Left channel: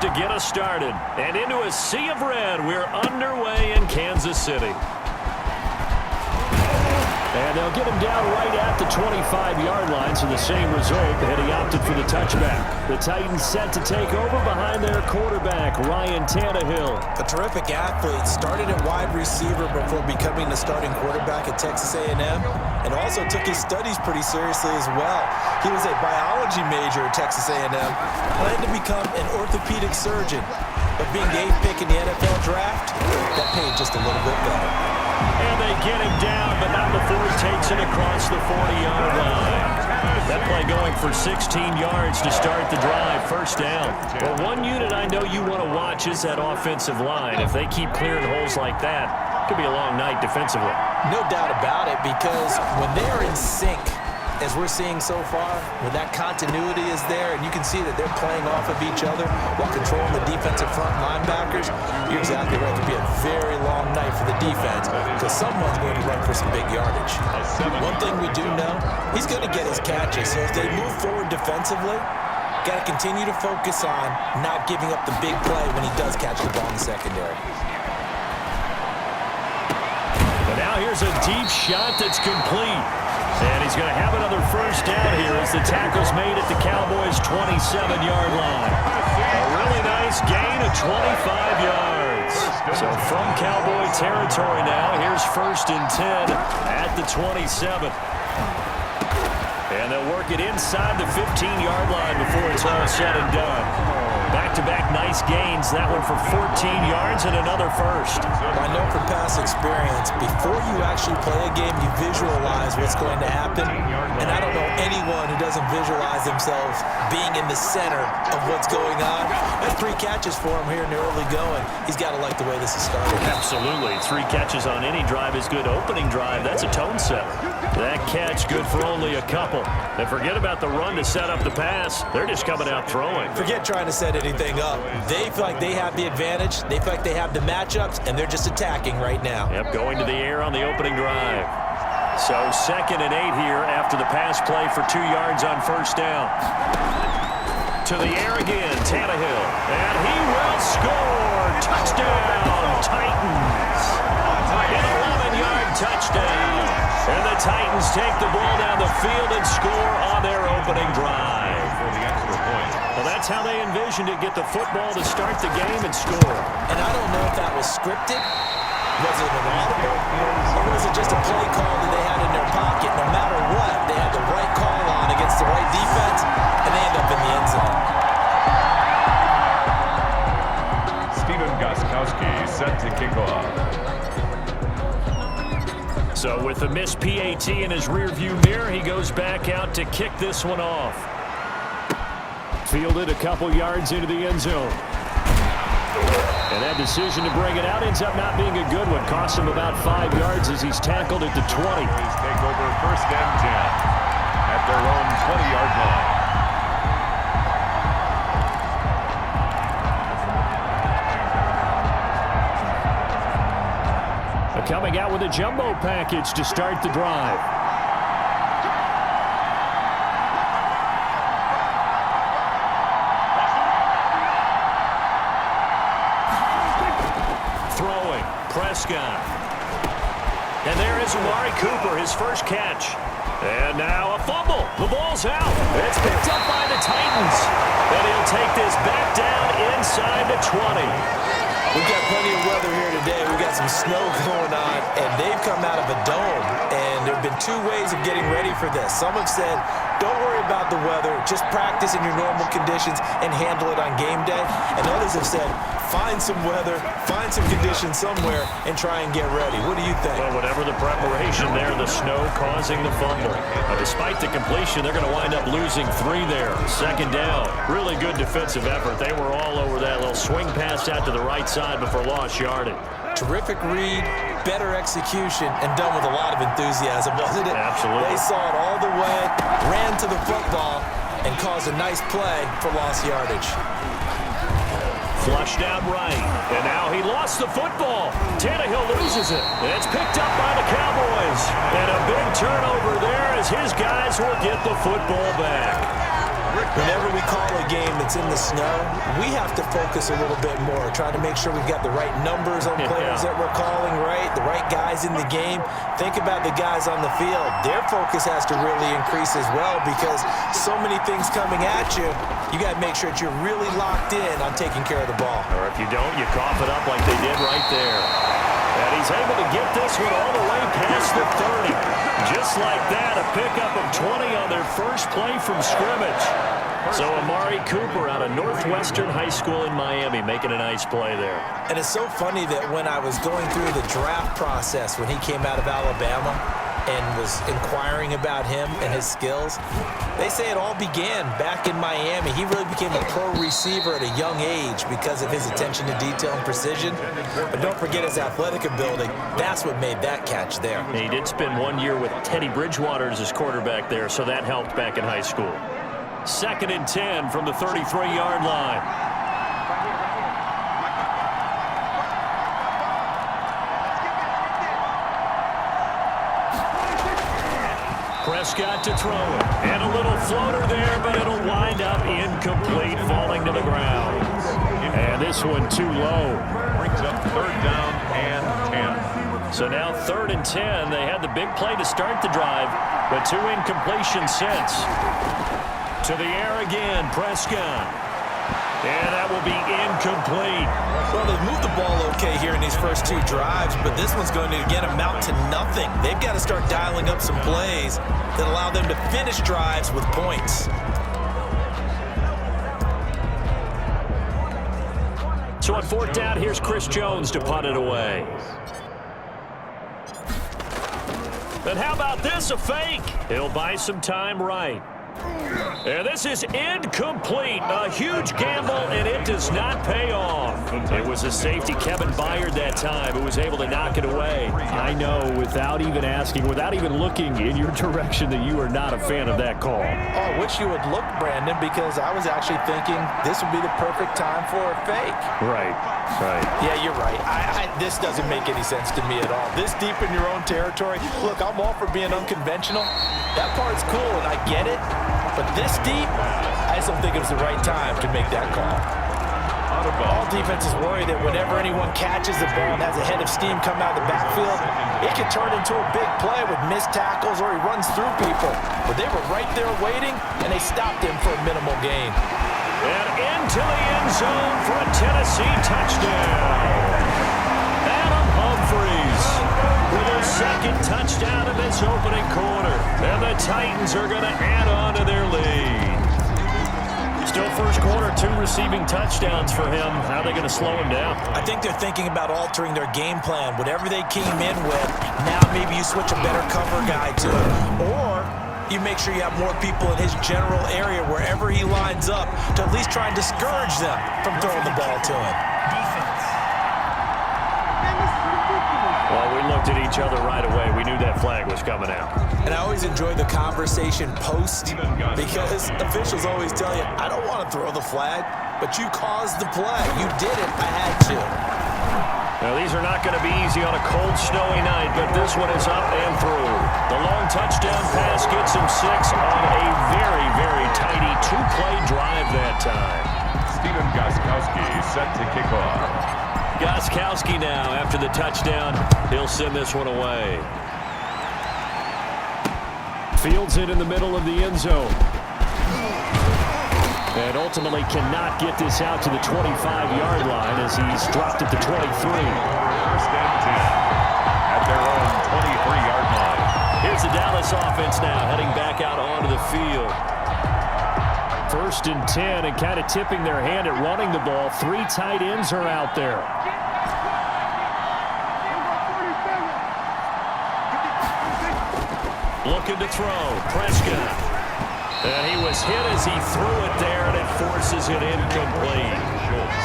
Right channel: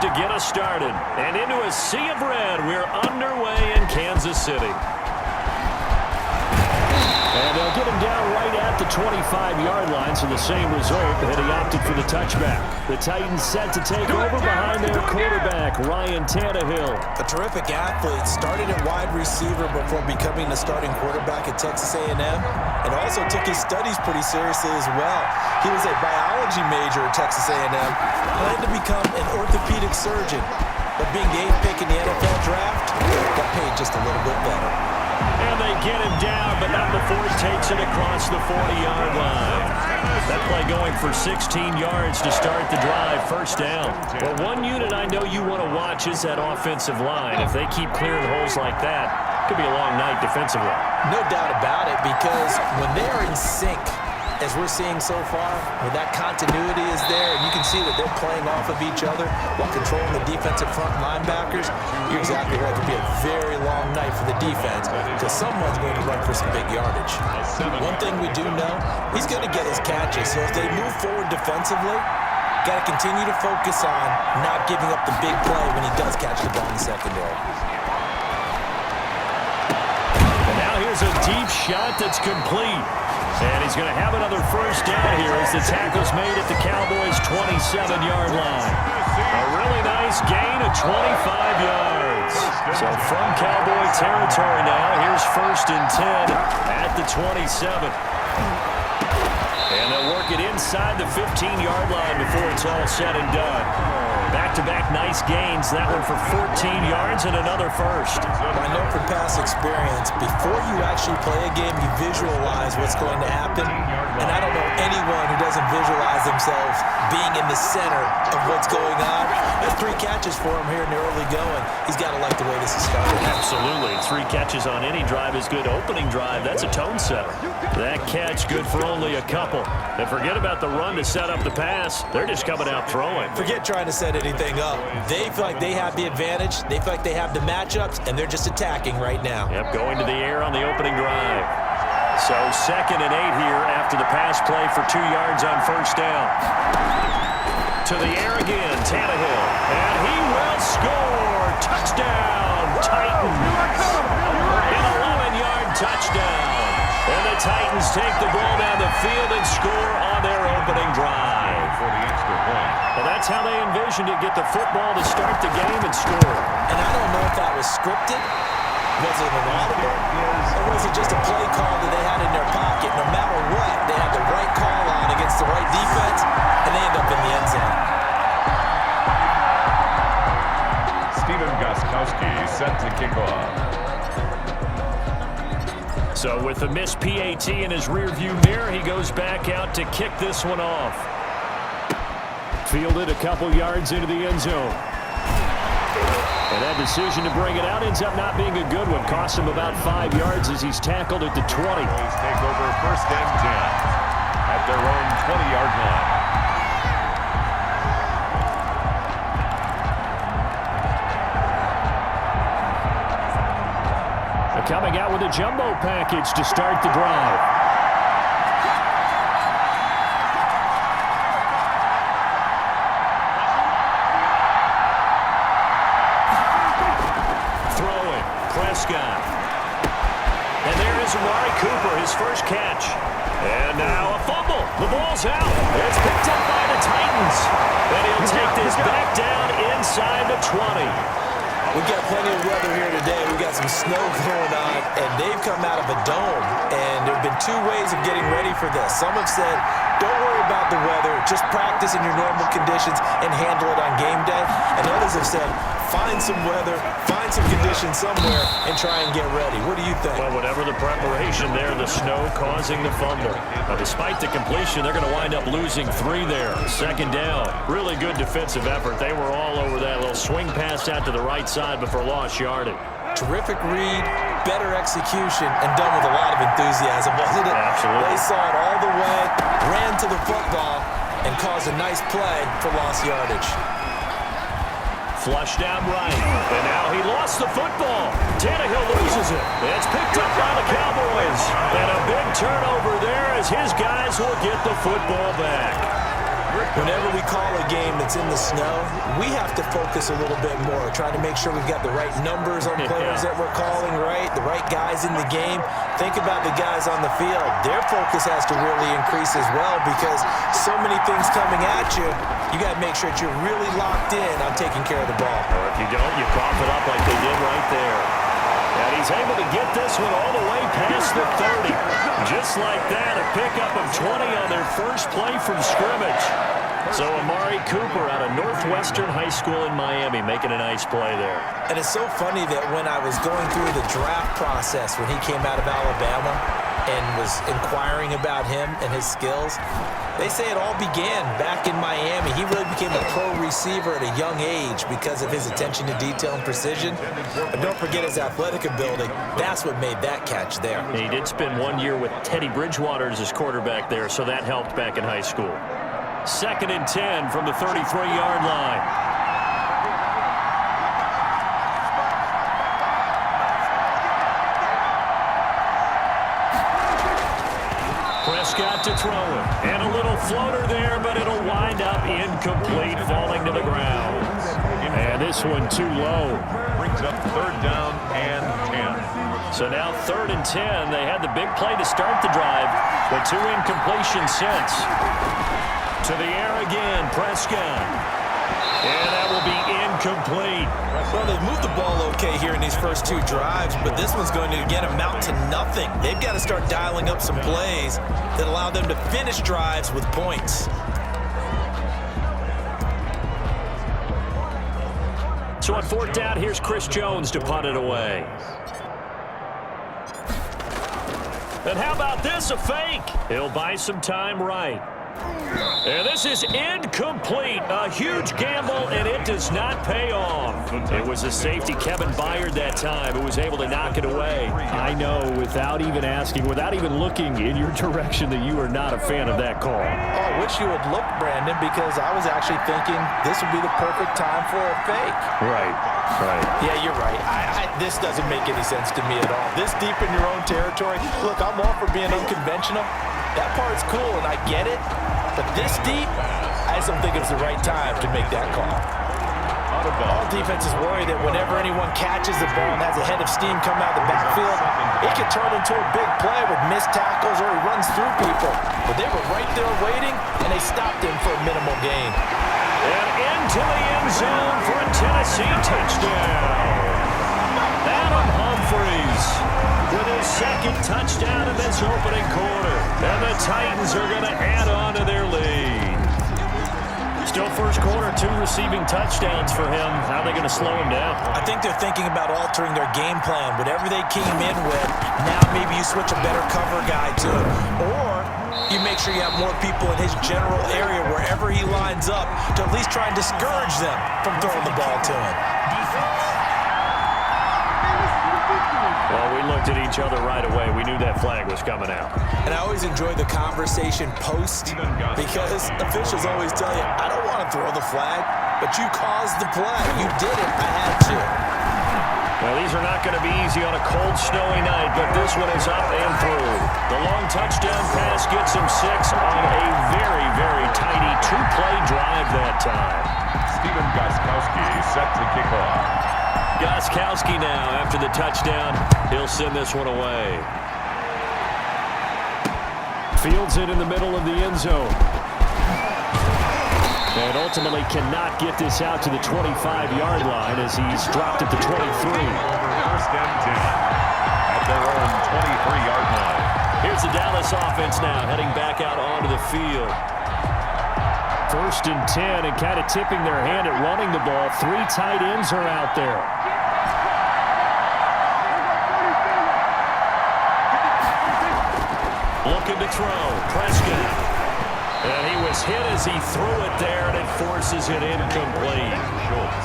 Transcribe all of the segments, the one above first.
to get us started. And into a sea of red, we're underway in Kansas City. And they'll get him down right at the 25-yard line, so the same result, but he opted for the touchback. The Titans set to take over behind their quarterback, Ryan Tannehill. A terrific athlete, started at wide receiver before becoming the starting quarterback at Texas A&M, and also took his studies pretty seriously as well. He was a biology major at Texas A&M, planned to become an orthopedic surgeon, but being the 8th pick in the NFL draft, got paid just a little bit better. And they get him down, but not before he takes it across the 40-yard line. That play going for 16 yards to start the drive, first down. Well, one unit I know you want to watch is that offensive line. If they keep clearing holes like that, it could be a long night defensively. No doubt about it, because when they are in sync, as we're seeing so far, when that continuity is there, and you can see that they're playing off of each other while controlling the defensive front linebackers, you're exactly right. It could be a very long night for the defense because someone's going to run for some big yardage. One thing we do know, he's going to get his catches. So if they move forward defensively, got to continue to focus on not giving up the big play when he does catch the ball in the secondary. And now here's a deep shot that's complete. And he's going to have another first down here as the tackle's made at the Cowboys' 27-yard line. A really nice gain of 25 yards. So from Cowboy territory now, here's 1st and 10 at the 27. And they'll work it inside the 15-yard line before it's all said and done. Back-to-back nice gains. That one for 14 yards and another first. I know from past experience, before you actually play a game, you visualize what's going to happen. And I don't know anyone who doesn't visualize themselves being in the center of what's going on. That's 3 catches for him here in the early going. He's got to like the way this is started. Absolutely. 3 catches on any drive is good. Opening drive, that's a tone setter. That catch good for only a couple. And forget about the run to set up the pass. They're just coming out throwing. Forget trying to set anything up. They feel like they have the advantage. They feel like they have the matchups, and they're just attacking right now. Yep, going to the air on the opening drive. So 2nd and 8 here after the pass play for 2 yards on first down. To the air again, Tannehill. And he will score. Touchdown, Titans. An 11-yard touchdown. And the Titans take the ball down the field and score on their opening drive. For the extra point. Well, that's how they envisioned it. Get the football to start the game and score. And I don't know if that was scripted. Was it an audible? Or was it just a play call that they had in their pocket? No matter what, they had the right call on against the right defense, and they end up in the end zone. Steven Gostkowski set to kick off. So with the missed PAT in his rearview mirror, he goes back out to kick this one off. Fielded a couple yards into the end zone. And that decision to bring it out ends up not being a good one. Costs him about 5 yards as he's tackled at the 20. Take over 1st and 10 at their own 20-yard line. Coming out with a jumbo package to start the drive. Throwing, Prescott. And there is Amari Cooper, his first catch. And now a fumble. The ball's out. It's picked up by the Titans. And he'll take this back down inside the 20. We've got plenty of weather here today. We've got some snow going on, and they've come out of a dome. And there have been 2 ways of getting ready for this. Some have said, don't worry about the weather. Just practice in your normal conditions and handle it on game day. And others have said, find some weather, find some conditions somewhere, and try and get ready. What do you think? Well, whatever the preparation there, the snow causing the fumble. Despite the completion, they're going to wind up losing 3 there. 2nd down. Really good defensive effort. They were all over that little swing pass out to the right side before lost yardage. Terrific read, better execution, and done with a lot of enthusiasm, wasn't it? Absolutely. They saw it all the way, ran to the football, and caused a nice play for lost yardage. Flushed out right, and now he lost the football. Tannehill loses it. It's picked up by the Cowboys. And a big turnover there as his guys will get the football back. Whenever we call a game that's in the snow, we have to focus a little bit more, trying to make sure we've got the right numbers on players that we're calling right, the right guys in the game. Think about the guys on the field. Their focus has to really increase as well because so many things coming at you, you got to make sure that you're really locked in on taking care of the ball. Or if you don't, you cough it up like they did right there. And he's able to get this one all the way past the 30. Just like that, a pickup of 20 on their first play from scrimmage. So Amari Cooper out of Northwestern High School in Miami making a nice play there. And it's so funny that when I was going through the draft process when he came out of Alabama and was inquiring about him and his skills, they say it all began back in Miami. He really became a pro receiver at a young age because of his attention to detail and precision. But don't forget his athletic ability. That's what made that catch there. He did spend 1 year with Teddy Bridgewater as his quarterback there, so that helped back in high school. 2nd and 10 from the 33-yard line. Prescott to throw it. And a little floater there, but it'll wind up incomplete, falling to the ground. And this one too low. Brings up 3rd down and 10. So now 3rd and 10. They had the big play to start the drive, but 2 incompletions since. To the air again, Prescott. And that will be incomplete. Well, they've moved the ball okay here in these first 2 drives, but this one's going to, again, amount to nothing. They've got to start dialing up some plays that allow them to finish drives with points. So on 4th down, here's Chris Jones to punt it away. And how about this, a fake? He'll buy some time right. And this is incomplete. A huge gamble, and it does not pay off. It was a safety, Kevin Byard, that time, who was able to knock it away. I know, without even asking, without even looking in your direction, that you are not a fan of that call. Oh, I wish you would look, Brandon, because I was actually thinking this would be the perfect time for a fake. Right. Yeah, you're right. This doesn't make any sense to me at all. This deep in your own territory, look, I'm all for being unconventional. That part's cool, and I get it. But this deep, I just don't think it was the right time to make that call. All defenses worry that whenever anyone catches the ball and has a head of steam come out of the backfield, it could turn into a big play with missed tackles or he runs through people. But they were right there waiting, and they stopped him for a minimal gain. And into the end zone for a Tennessee touchdown. Adam Humphries with his 2nd touchdown in this opening quarter. And the Titans are going to add on to their lead. Still first quarter, 2 receiving touchdowns for him. How are they going to slow him down? I think they're thinking about altering their game plan. Whatever they came in with, now maybe you switch a better cover guy to it. Or you make sure you have more people in his general area wherever he lines up to at least try and discourage them from throwing the ball to him. Well, we looked at each other right away. We knew that flag was coming out. And I always enjoy the conversation post because officials always tell you, I don't want to throw the flag, but you caused the play. You did it. I had to. Well, these are not going to be easy on a cold, snowy night, but this one is up and through. The long touchdown pass gets him 6 on a very, very tidy 2-play drive that time. Stephen Gostkowski set to kick off. Gostkowski now, after the touchdown, he'll send this one away. Fields it in the middle of the end zone. And ultimately cannot get this out to the 25-yard line as he's dropped at the 23. 1st and 10 at their own 23-yard line. Here's the Dallas offense now, heading back out onto the field. 1st and 10, and kind of tipping their hand at running the ball. 3 tight ends are out there. Looking to throw, Prescott. And he was hit as he threw it there, and it forces it incomplete.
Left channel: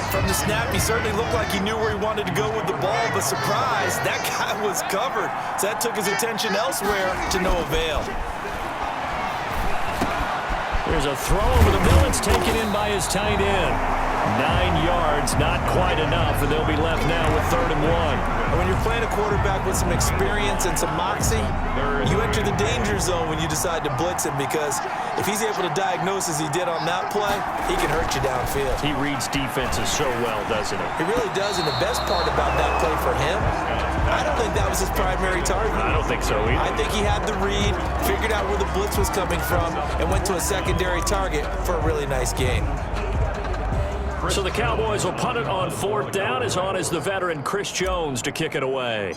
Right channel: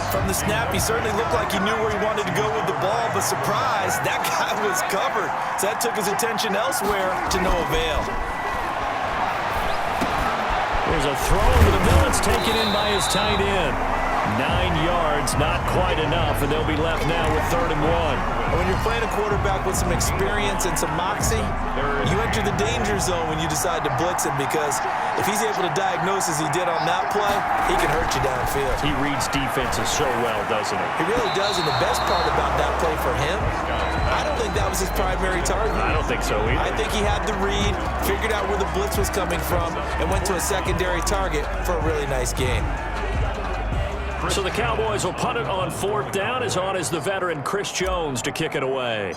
From the snap, he certainly looked like he knew where he wanted to go with the ball, but surprise, that guy was covered. So that took his attention elsewhere to no avail. Here's a throw over the middle. It's taken in by his tight end. 9 yards, not quite enough, and they'll be left now with 3rd and 1. When you're playing a quarterback with some experience and some moxie, you enter the danger zone when you decide to blitz him, because if he's able to diagnose as he did on that play, he can hurt you downfield. He reads defenses so well, doesn't he? He really does, and the best part about that play for him, I don't think that was his primary target. I don't think so either. I think he had the read, figured out where the blitz was coming from, and went to a secondary target for a really nice game. So the Cowboys will punt it on 4th down. As on is the veteran Chris Jones to kick it away.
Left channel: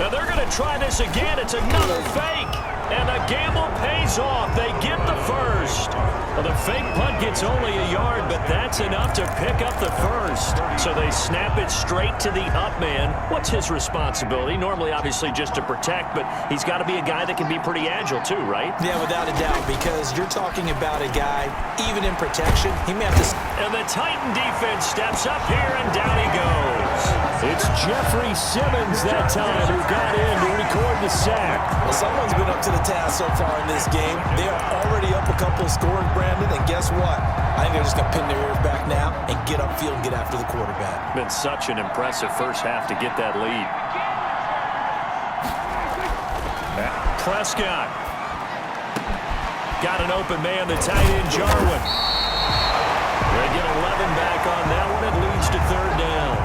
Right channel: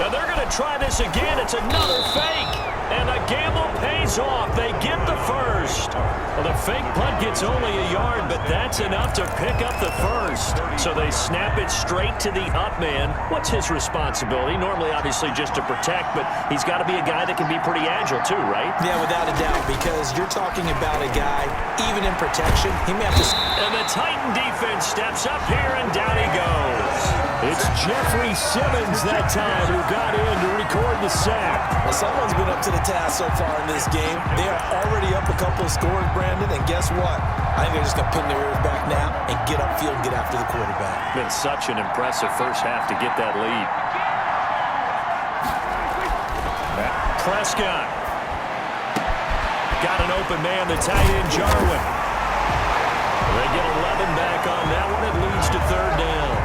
Now they're going to try this again. It's another fake. And the gamble pays off. They get the first. Well, the fake punt gets only a yard, but that's enough to pick up the first. So they snap it straight to the up man. What's his responsibility? Normally, obviously, just to protect, but he's got to be a guy that can be pretty agile too, right? Yeah, without a doubt, because you're talking about a guy, even in protection, he may have to... And the Titan defense steps up here, and down he goes. It's Jeffrey Simmons that time who got in to record the sack. Well, someone's been up to the task so far in this game. They are already up a couple of scores, Brandon, and guess what? I think they're just going to pin their ears back now and get upfield and get after the quarterback. Been such an impressive first half to get that lead. Prescott. Got an open man, the tight end, Jarwin. They get 11 back on that one. It leads to 3rd down.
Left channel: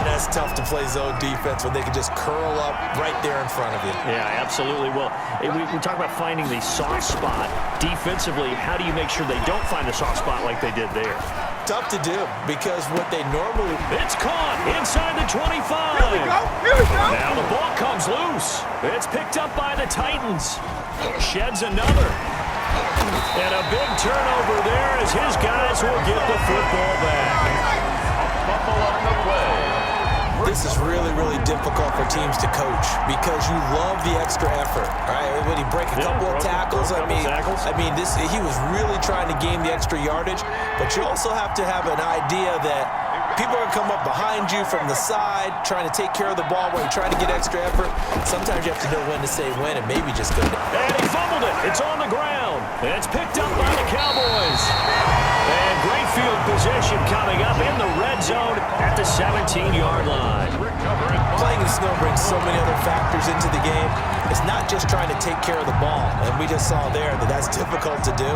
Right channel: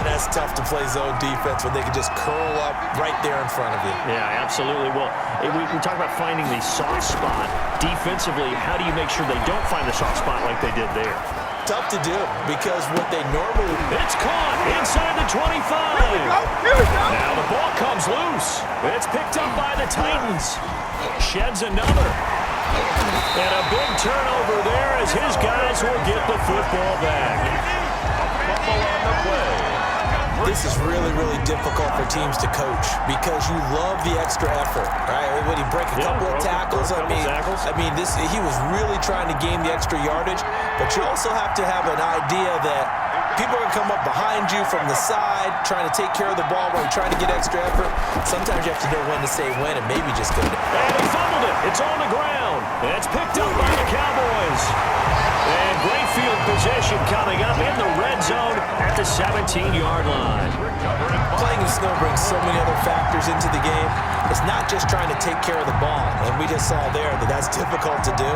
That's tough to play zone defense when they can just curl up right there in front of you. Yeah, absolutely. Well, we talk about finding the soft spot. Defensively, how do you make sure they don't find the soft spot like they did there? Tough to do, because what they normally... It's caught inside the 25. Here we go. Here we go. Now the ball comes loose. It's picked up by the Titans. Sheds another. And a big turnover there as his guys will get the football back. A fumble on the play. This is really, really difficult for teams to coach, because you love the extra effort, right? When he break a couple of tackles, I mean, he was really trying to gain the extra yardage, but you also have to have an idea that people are going to come up behind you from the side, trying to take care of the ball while you're trying to get extra effort. Sometimes you have to know when to say when and maybe just go down. And he fumbled it. It's on the ground. And it's picked up by the Cowboys. And great field position coming up in the red zone at the 17-yard line. Playing in snow brings so many other factors into the game. It's not just trying to take care of the ball, and we just saw there that that's difficult to do,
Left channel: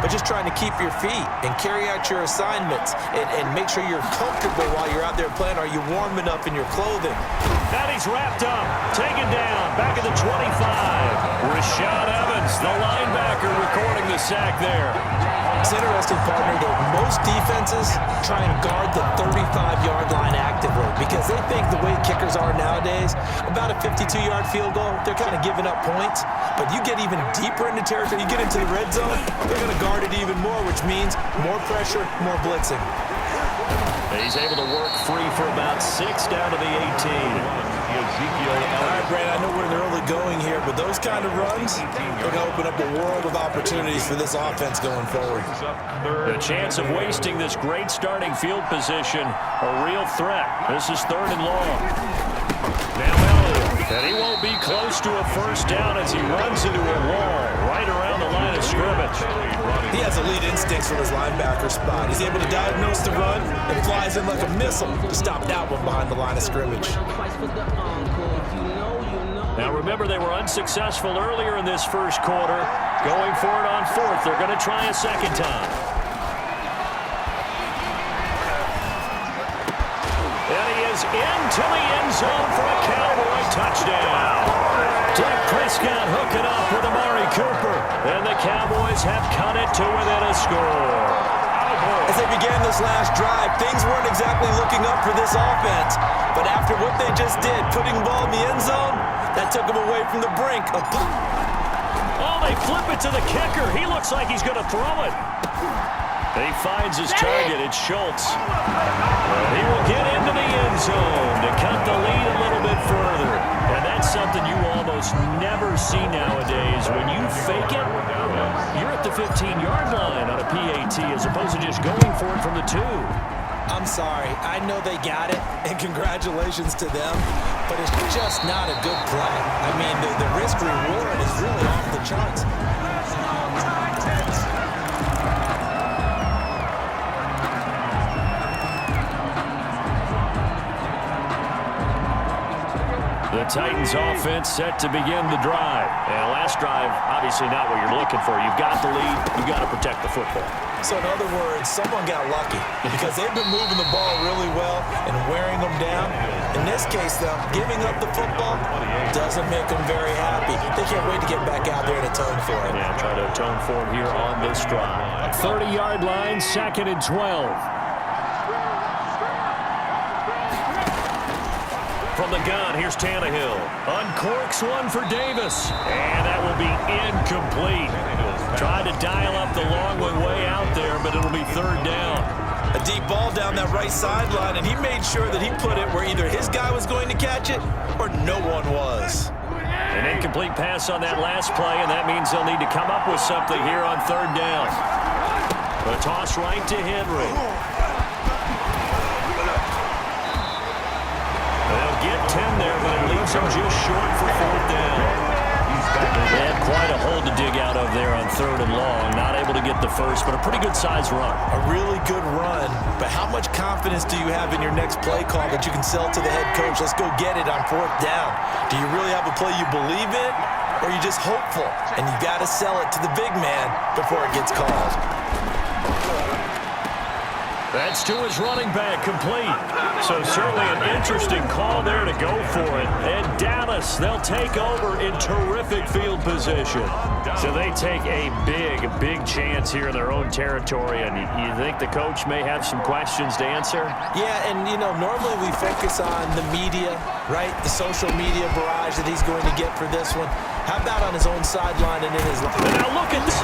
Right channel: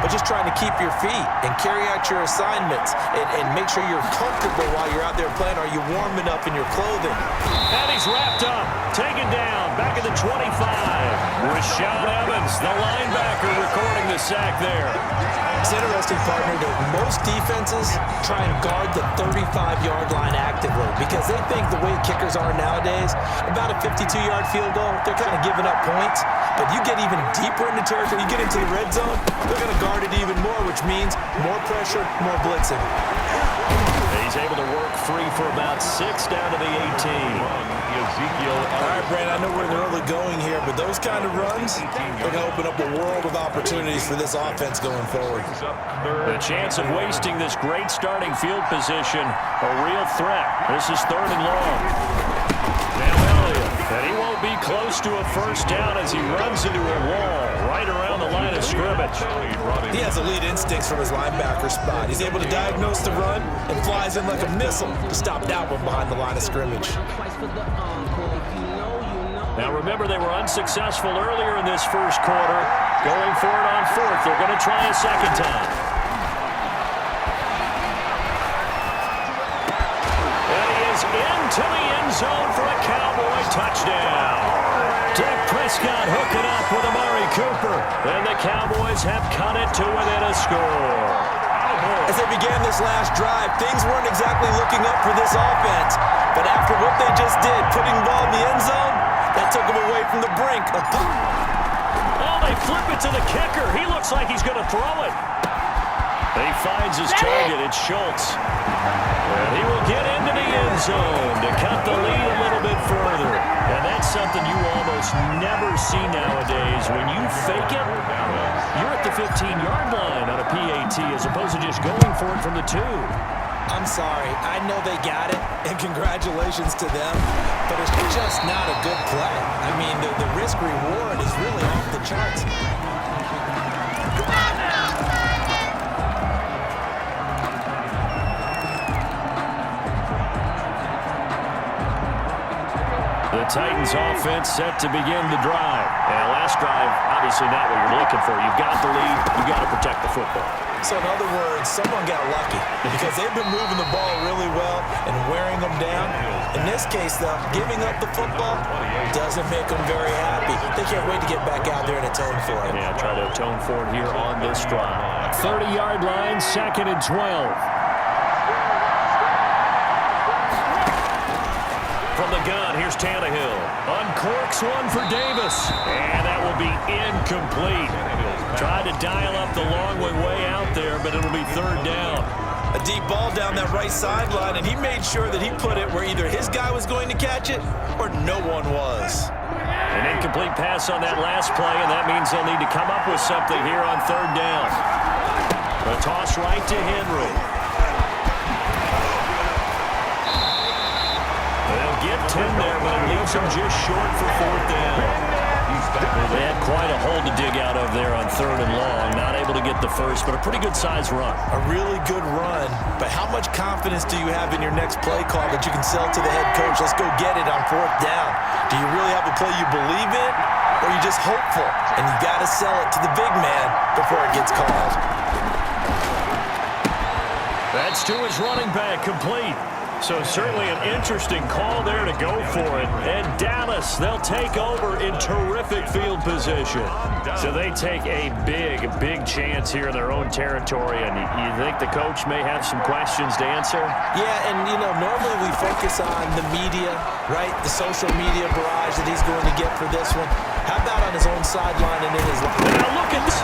but just trying to keep your feet and carry out your assignments and make sure you're comfortable while you're out there playing. Are you warm enough in your clothing? And he's wrapped up, taken down, back at the 25. Rashaan Evans, the linebacker, recording the sack there. It's interesting, partner, that most defenses try and guard the 35-yard line actively, because they think the way kickers are nowadays, about a 52-yard field goal, they're kind of giving up points. But you get even deeper into territory, you get into the red zone, they're going to guard it even more, which means more pressure, more blitzing. He's able to work free for about 6 down to the 18. All right, Brandon, I know we're in the early going here, but those kind of runs, they're going to open up a world of opportunities for this offense going forward. The chance of wasting this great starting field position, a real threat. This is 3rd and long. Now Elliott, and he won't be close to a first down as he runs into a wall right around the line of scrimmage. He has elite instincts from his linebacker spot. He's able to diagnose the run and flies in like a missile to stop that one behind the line of scrimmage. Now remember, they were unsuccessful earlier in this first quarter. Going for it on 4th. They're going to try a second time. And he is into the end zone for a Cowboy touchdown. Dak Prescott hooking up with Amari Cooper. And the Cowboys have cut it to within a score. As they began this last drive, things weren't exactly looking up for this offense. But after what they just did, putting the ball in the end zone, that took them away from the brink of... Oh, they flip it to the kicker. He looks like he's going to throw it. He finds his target. It's Schultz. And he will get into the end zone to cut the lead a little bit further. And that's something you almost never see nowadays. When you fake it, you're at the 15-yard line on a PAT as opposed to just going for it from the 2. I'm sorry. I know they got it, and congratulations to them, but it's just not a good play. I mean, the risk-reward is really off the charts. The Titans offense set to begin the drive. And last drive, obviously not what you're looking for. You've got the lead. You've got to protect the football. So in other words, someone got lucky because they've been moving the ball really well and wearing them down. In this case, though, giving up the football doesn't make them very happy. They can't wait to get back out there and atone for it. Yeah, try to atone for it here on this drive. 30-yard line, 2nd and 12. From the gun, here's Tannehill. Uncorks one for Davis. And that will be incomplete. Tried to dial up the long way out there, but it'll be 3rd down. A deep ball down that right sideline, and he made sure that he put it where either his guy was going to catch it or no one was. An incomplete pass on that last play, and that means they'll need to come up with something here on 3rd down. A toss right to Henry. They'll get 10 there, but it leaves them just short for 4th down. They had quite a hole to dig out of there on 3rd and long. Not able to get the first, but a pretty good-sized run. A really good run, but how much confidence do you have in your next play call that you can sell to the head coach? Let's go get it on 4th down. Do you really have a play you believe in, or are you just hopeful? And you got to sell it to the big man before it gets called. That's to his running back, complete. So certainly an interesting call there to go for it. And Dallas, they'll take over in terrific field position. So they take a big chance here in their own territory. And you think the coach may have some questions to answer? Yeah, and, you know, normally we focus on the media, right? The social media barrage that he's going to get for this one. How about on his own sideline and in his line? Now look at this.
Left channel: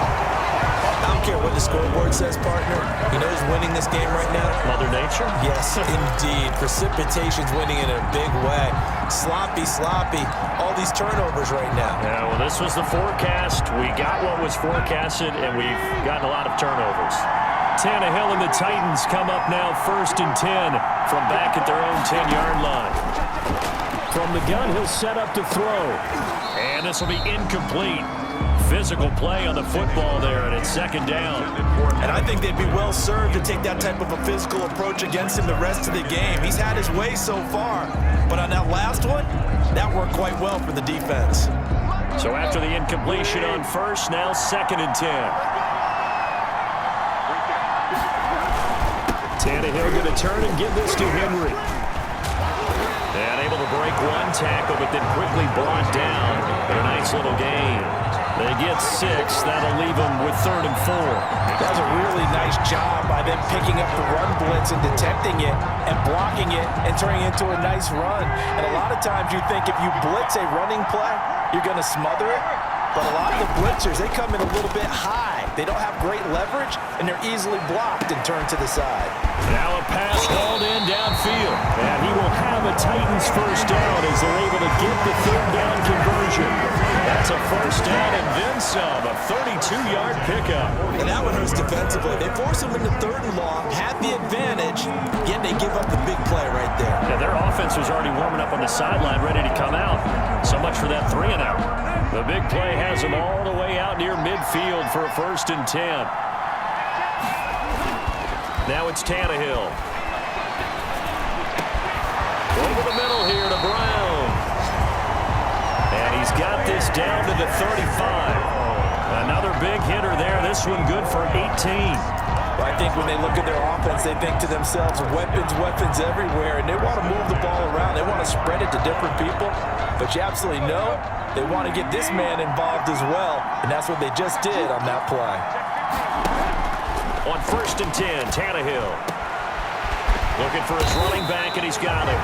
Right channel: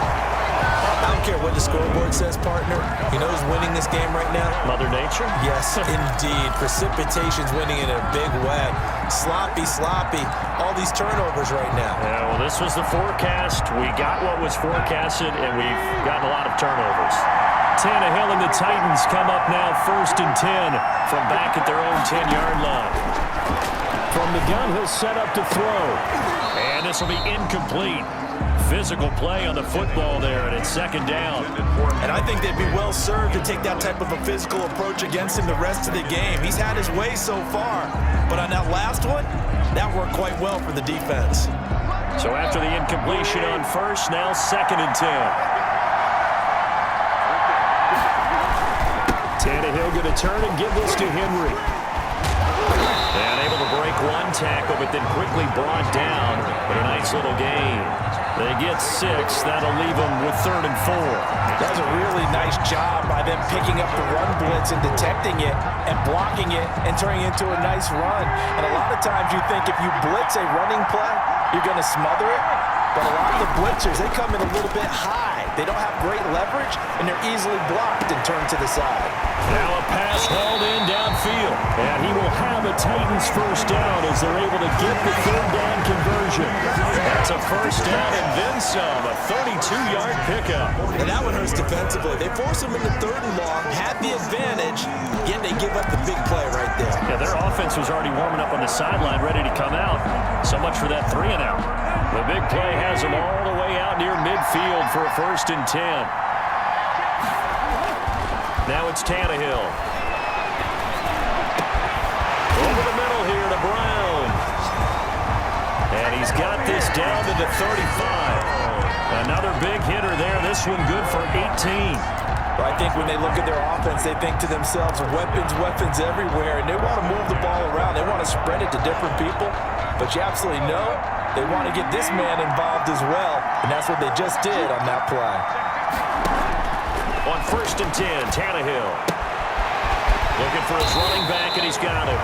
I don't care what the scoreboard says, partner. You know who's winning this game right now? Mother Nature? Yes, indeed. Precipitation's winning in a big way. Sloppy. All these turnovers right now. Yeah, well, this was the forecast. We got what was forecasted, and we've gotten a lot of turnovers. Tannehill and the Titans come up now 1st and 10 from back at their own 10-yard line. From the gun, he'll set up to throw. And this will be incomplete. Physical play on the football there, and it's 2nd down. And I think they'd be well served to take that type of a physical approach against him the rest of the game. He's had his way so far, but on that last one, that worked quite well for the defense. So after the incompletion on 1st, now 2nd and 10. Tannehill going to turn and give this to Henry. And able to break one tackle, but then quickly brought down. But a nice little gain. They get 6. That'll leave them with 3rd and 4. That's a really nice job by them picking up the run blitz and detecting it and blocking it and turning it into a nice run. And a lot of times you think if you blitz a running play, you're going to smother it. But a lot of the blitzers, they come in a little bit high. They don't have great leverage, and they're easily blocked and turned to the side. Now a pass hauled in downfield. And he will have a Titans 1st down as they're able to get the 3rd down conversion. That's a 1st down and then some, a 32-yard pickup. And that one hurts defensively. They force them into 3rd and long, had the advantage, yet they give up the big play right there. Yeah, their offense was already warming up on the sideline, ready to come out. So much for that 3 and out. The big play has them all the way out near midfield for a 1st and 10. Now it's Tannehill. Over the middle here to Brown. And he's got this down to the 35. Another big hitter there. This one good for 18. Well, I think when they look at their offense, they think to themselves, weapons everywhere, and they want to move the ball around. They want to spread it to different people. But you absolutely know they want to get this man involved as well, and that's what they just did on that play. On 1st and 10, Tannehill. Looking for his running back, and he's got him.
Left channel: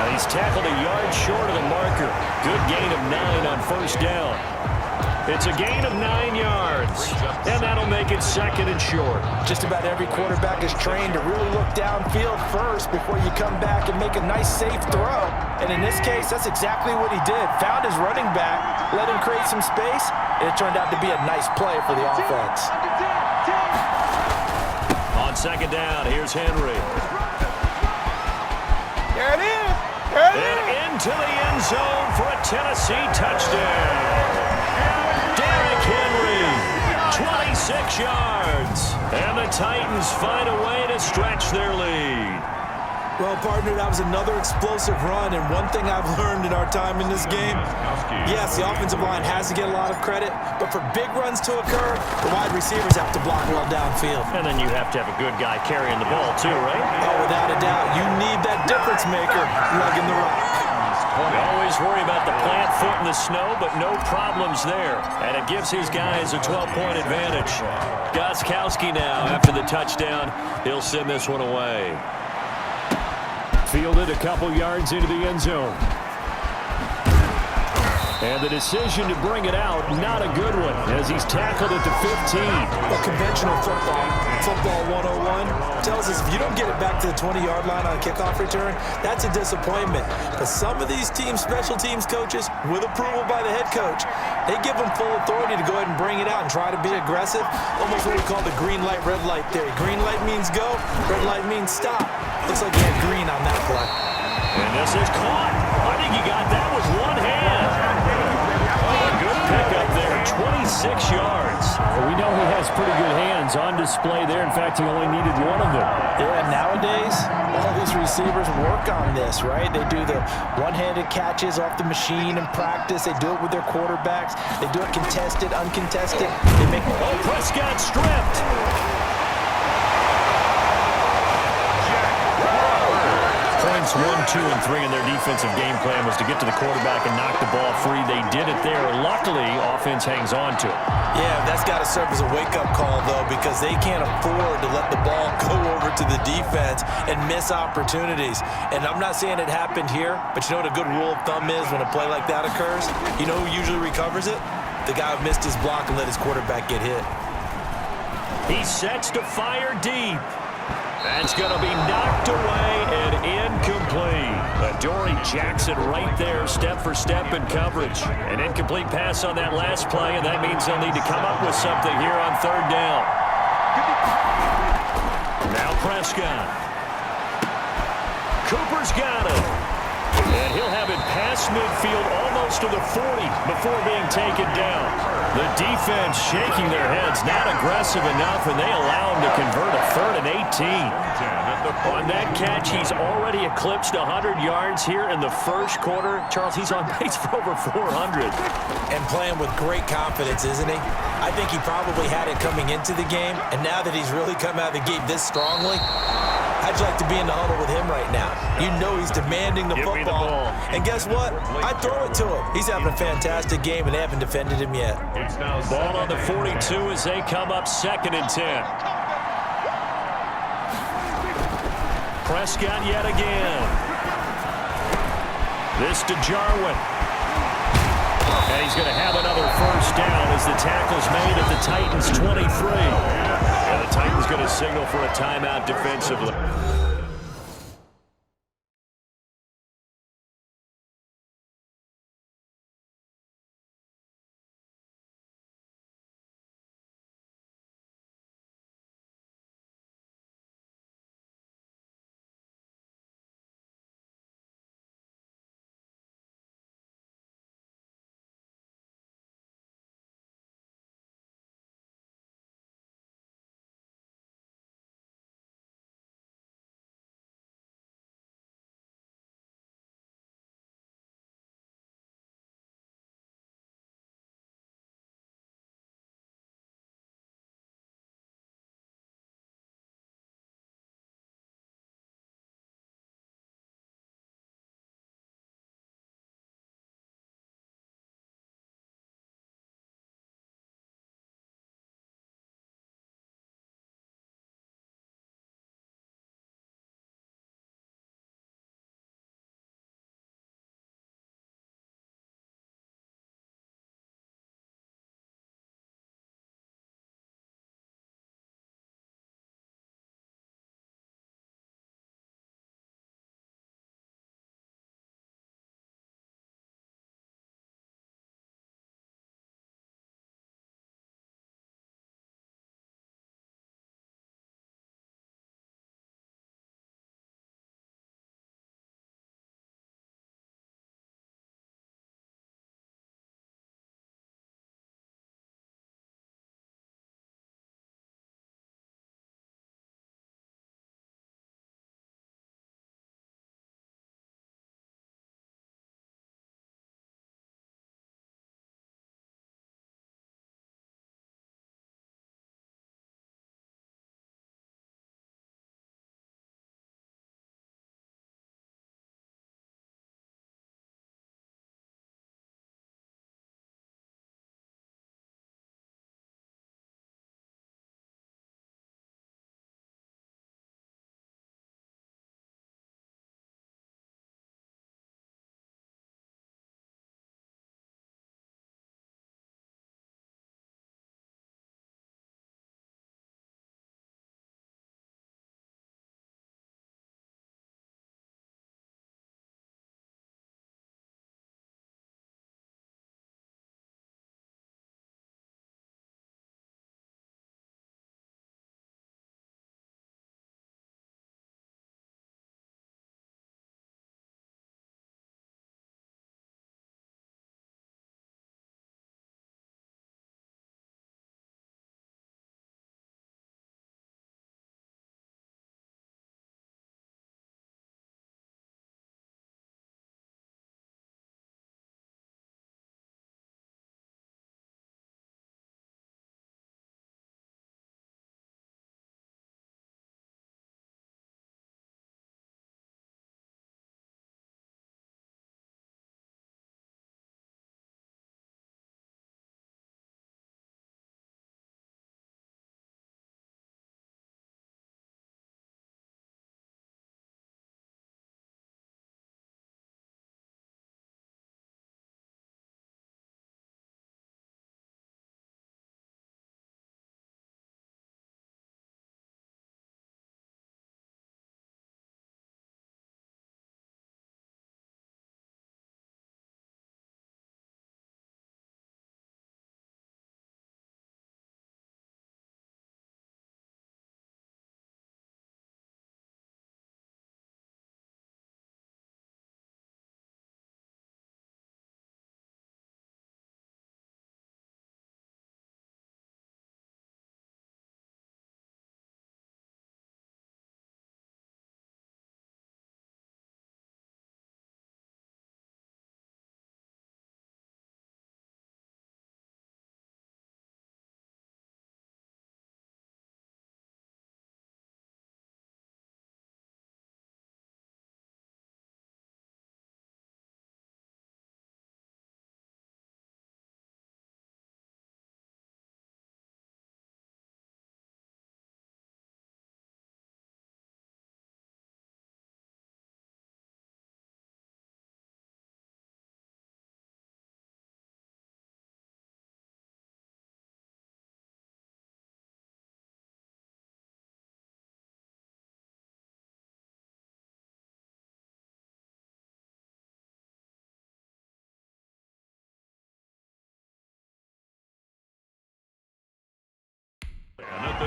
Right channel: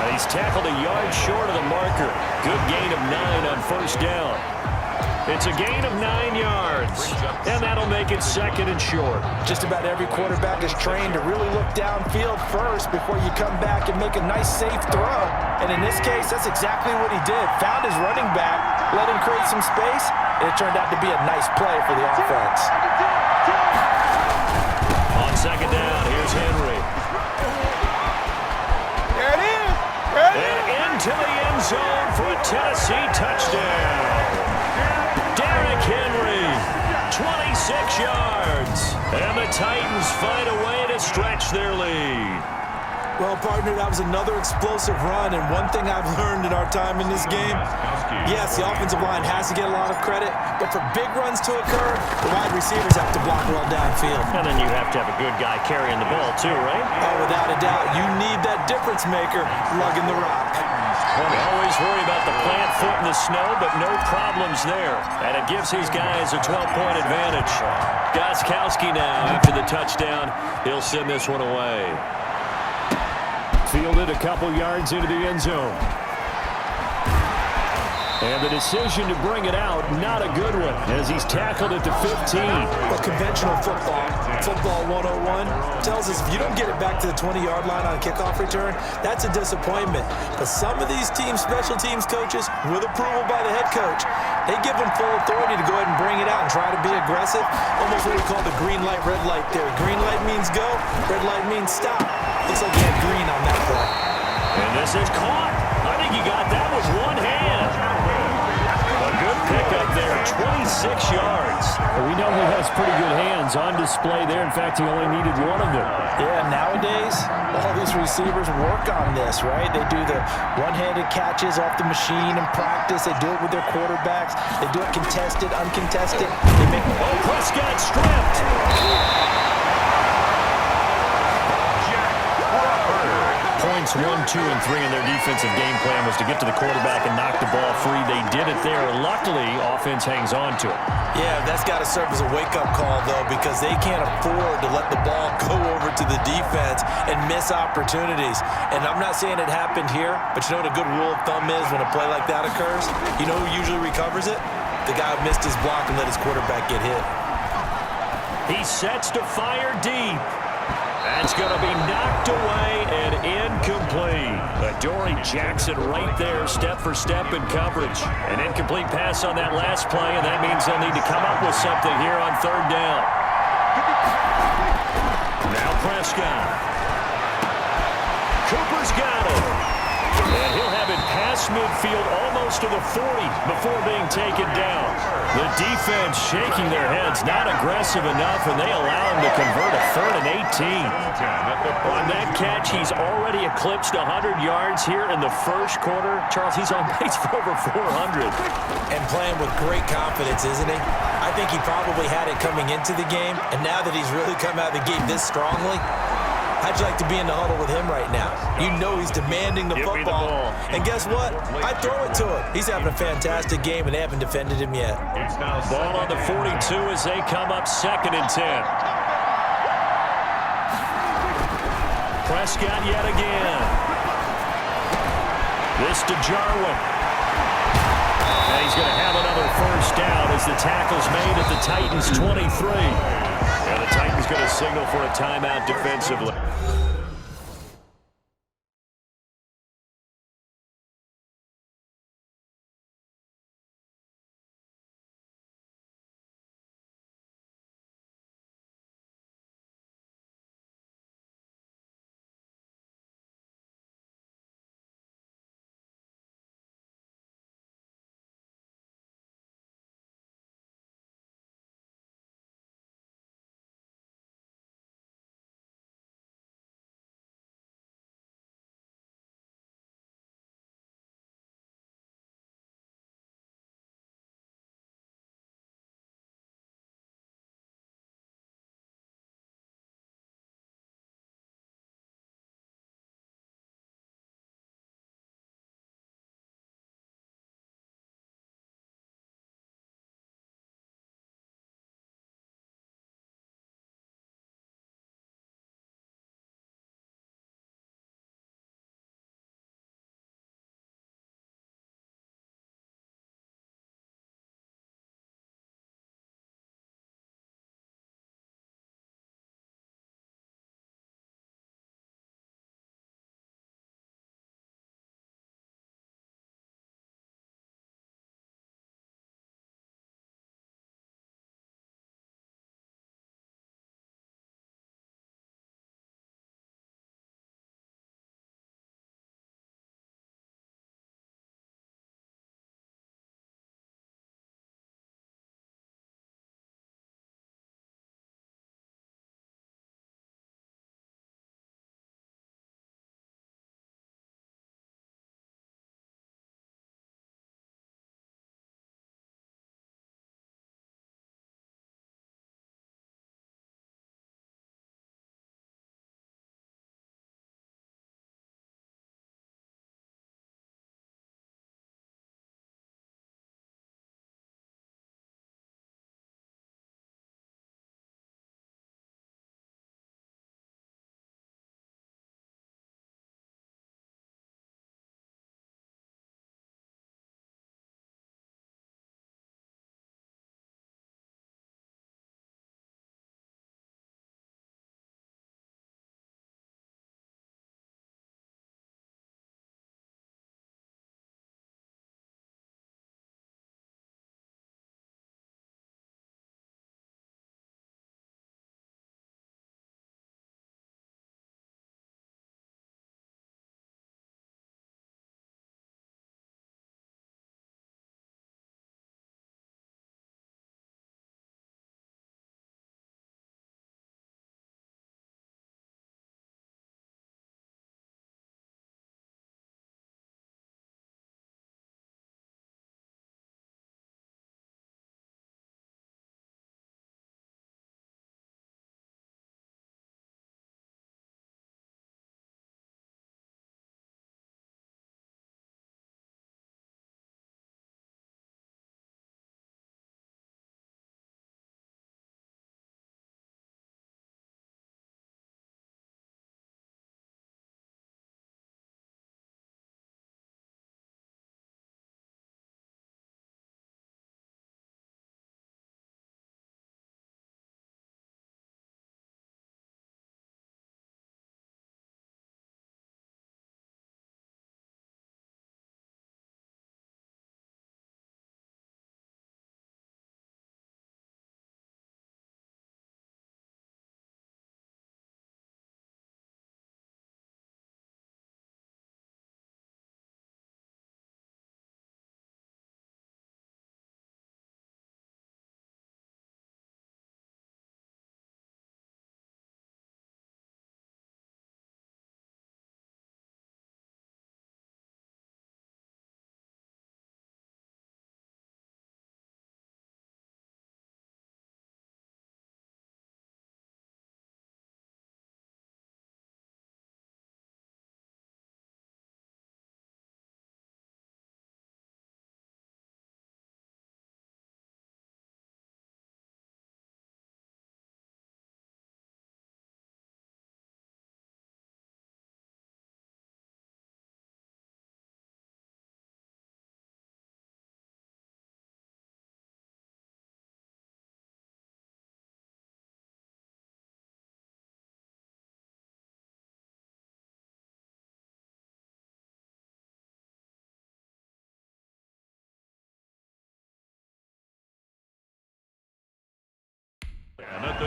And he's tackled a yard short of the marker. Good gain of 9 on 1st down. It's a gain of 9 yards, and that'll make it 2nd and short. Just about every quarterback is trained to really look downfield first before you come back and make a nice, safe throw. And in this case, that's exactly what he did. Found his running back, let him create some space, and it turned out to be a nice play for the offense. On 2nd down, here's Henry. There it is. And into the end zone for a Tennessee touchdown. Derrick Henry, 26 yards. And the Titans find a way to stretch their lead. Well, partner, that was another explosive run, and one thing I've learned in our time in this game, yes, the offensive line has to get a lot of credit, but for big runs to occur, the wide receivers have to block well downfield. And then you have to have a good guy carrying the ball too, right? Oh, without a doubt. You need that difference maker lugging the rock. We always worry about the plant foot in the snow, but no problems there. And it gives these guys a 12-point advantage. Gostkowski now, after the touchdown, he'll send this one away. Fielded a couple yards into the end zone. And the decision to bring it out, not a good one, as he's tackled at the 15. Well, conventional football 101, tells us if you don't get it back to the 20-yard line on a kickoff return, that's a disappointment. But some of these special teams coaches, with approval by the head coach, they give them full authority to go ahead and bring it out and try to be aggressive, almost what we call the green light, red light theory. Green light means go, red light means stop. Looks like he had green on that play. And this is caught. I think he got that with one hand. A good pickup there, 26 yards. Well, we know he has pretty good hands on display there. In fact, he only needed one of them. Yeah, nowadays, all these receivers work on this, right? They do the one-handed catches off the machine in practice. They do it with their quarterbacks. They do it contested, uncontested. They make... Oh, Prescott stripped. Points 1, 2, and 3 in their defensive game plan was to get to the quarterback and knock the ball free. They did it there. Luckily, offense hangs on to it. Yeah, that's got to serve as a wake-up call, though, because they can't afford to let the ball go over to the defense and miss opportunities. And I'm not saying it happened here, but you know what a good rule of thumb is when a play like that occurs? You know who usually recovers it? The guy who missed his block and let his quarterback get hit. He sets to fire deep. That's going to be knocked away and incomplete. Adoree Jackson right there, step for step in coverage. An incomplete pass on that last play, and that means they'll need to come up with something here on third down. Now Prescott. Cooper's got it. And he'll have it past midfield almost to the 40 before being taken down. The defense shaking their heads, not aggressive enough, and they allow him to convert a 3rd and 18. On that catch, he's already eclipsed 100 yards here in the first quarter. Charles, he's on pace for over 400. And playing with great confidence, isn't he? I think he probably had it coming into the game, and now that he's really come out of the gate this strongly, how'd you like to be in the huddle with him right now? You know he's demanding the football. And guess what? I throw it to him. He's having a fantastic game, and they haven't defended him yet. Ball on the 42 as they come up 2nd and 10. Prescott yet again. This to Jarwin. And he's going to have another first down as the tackle's made at the Titans' 23. And the Titans going to signal for a timeout defensively.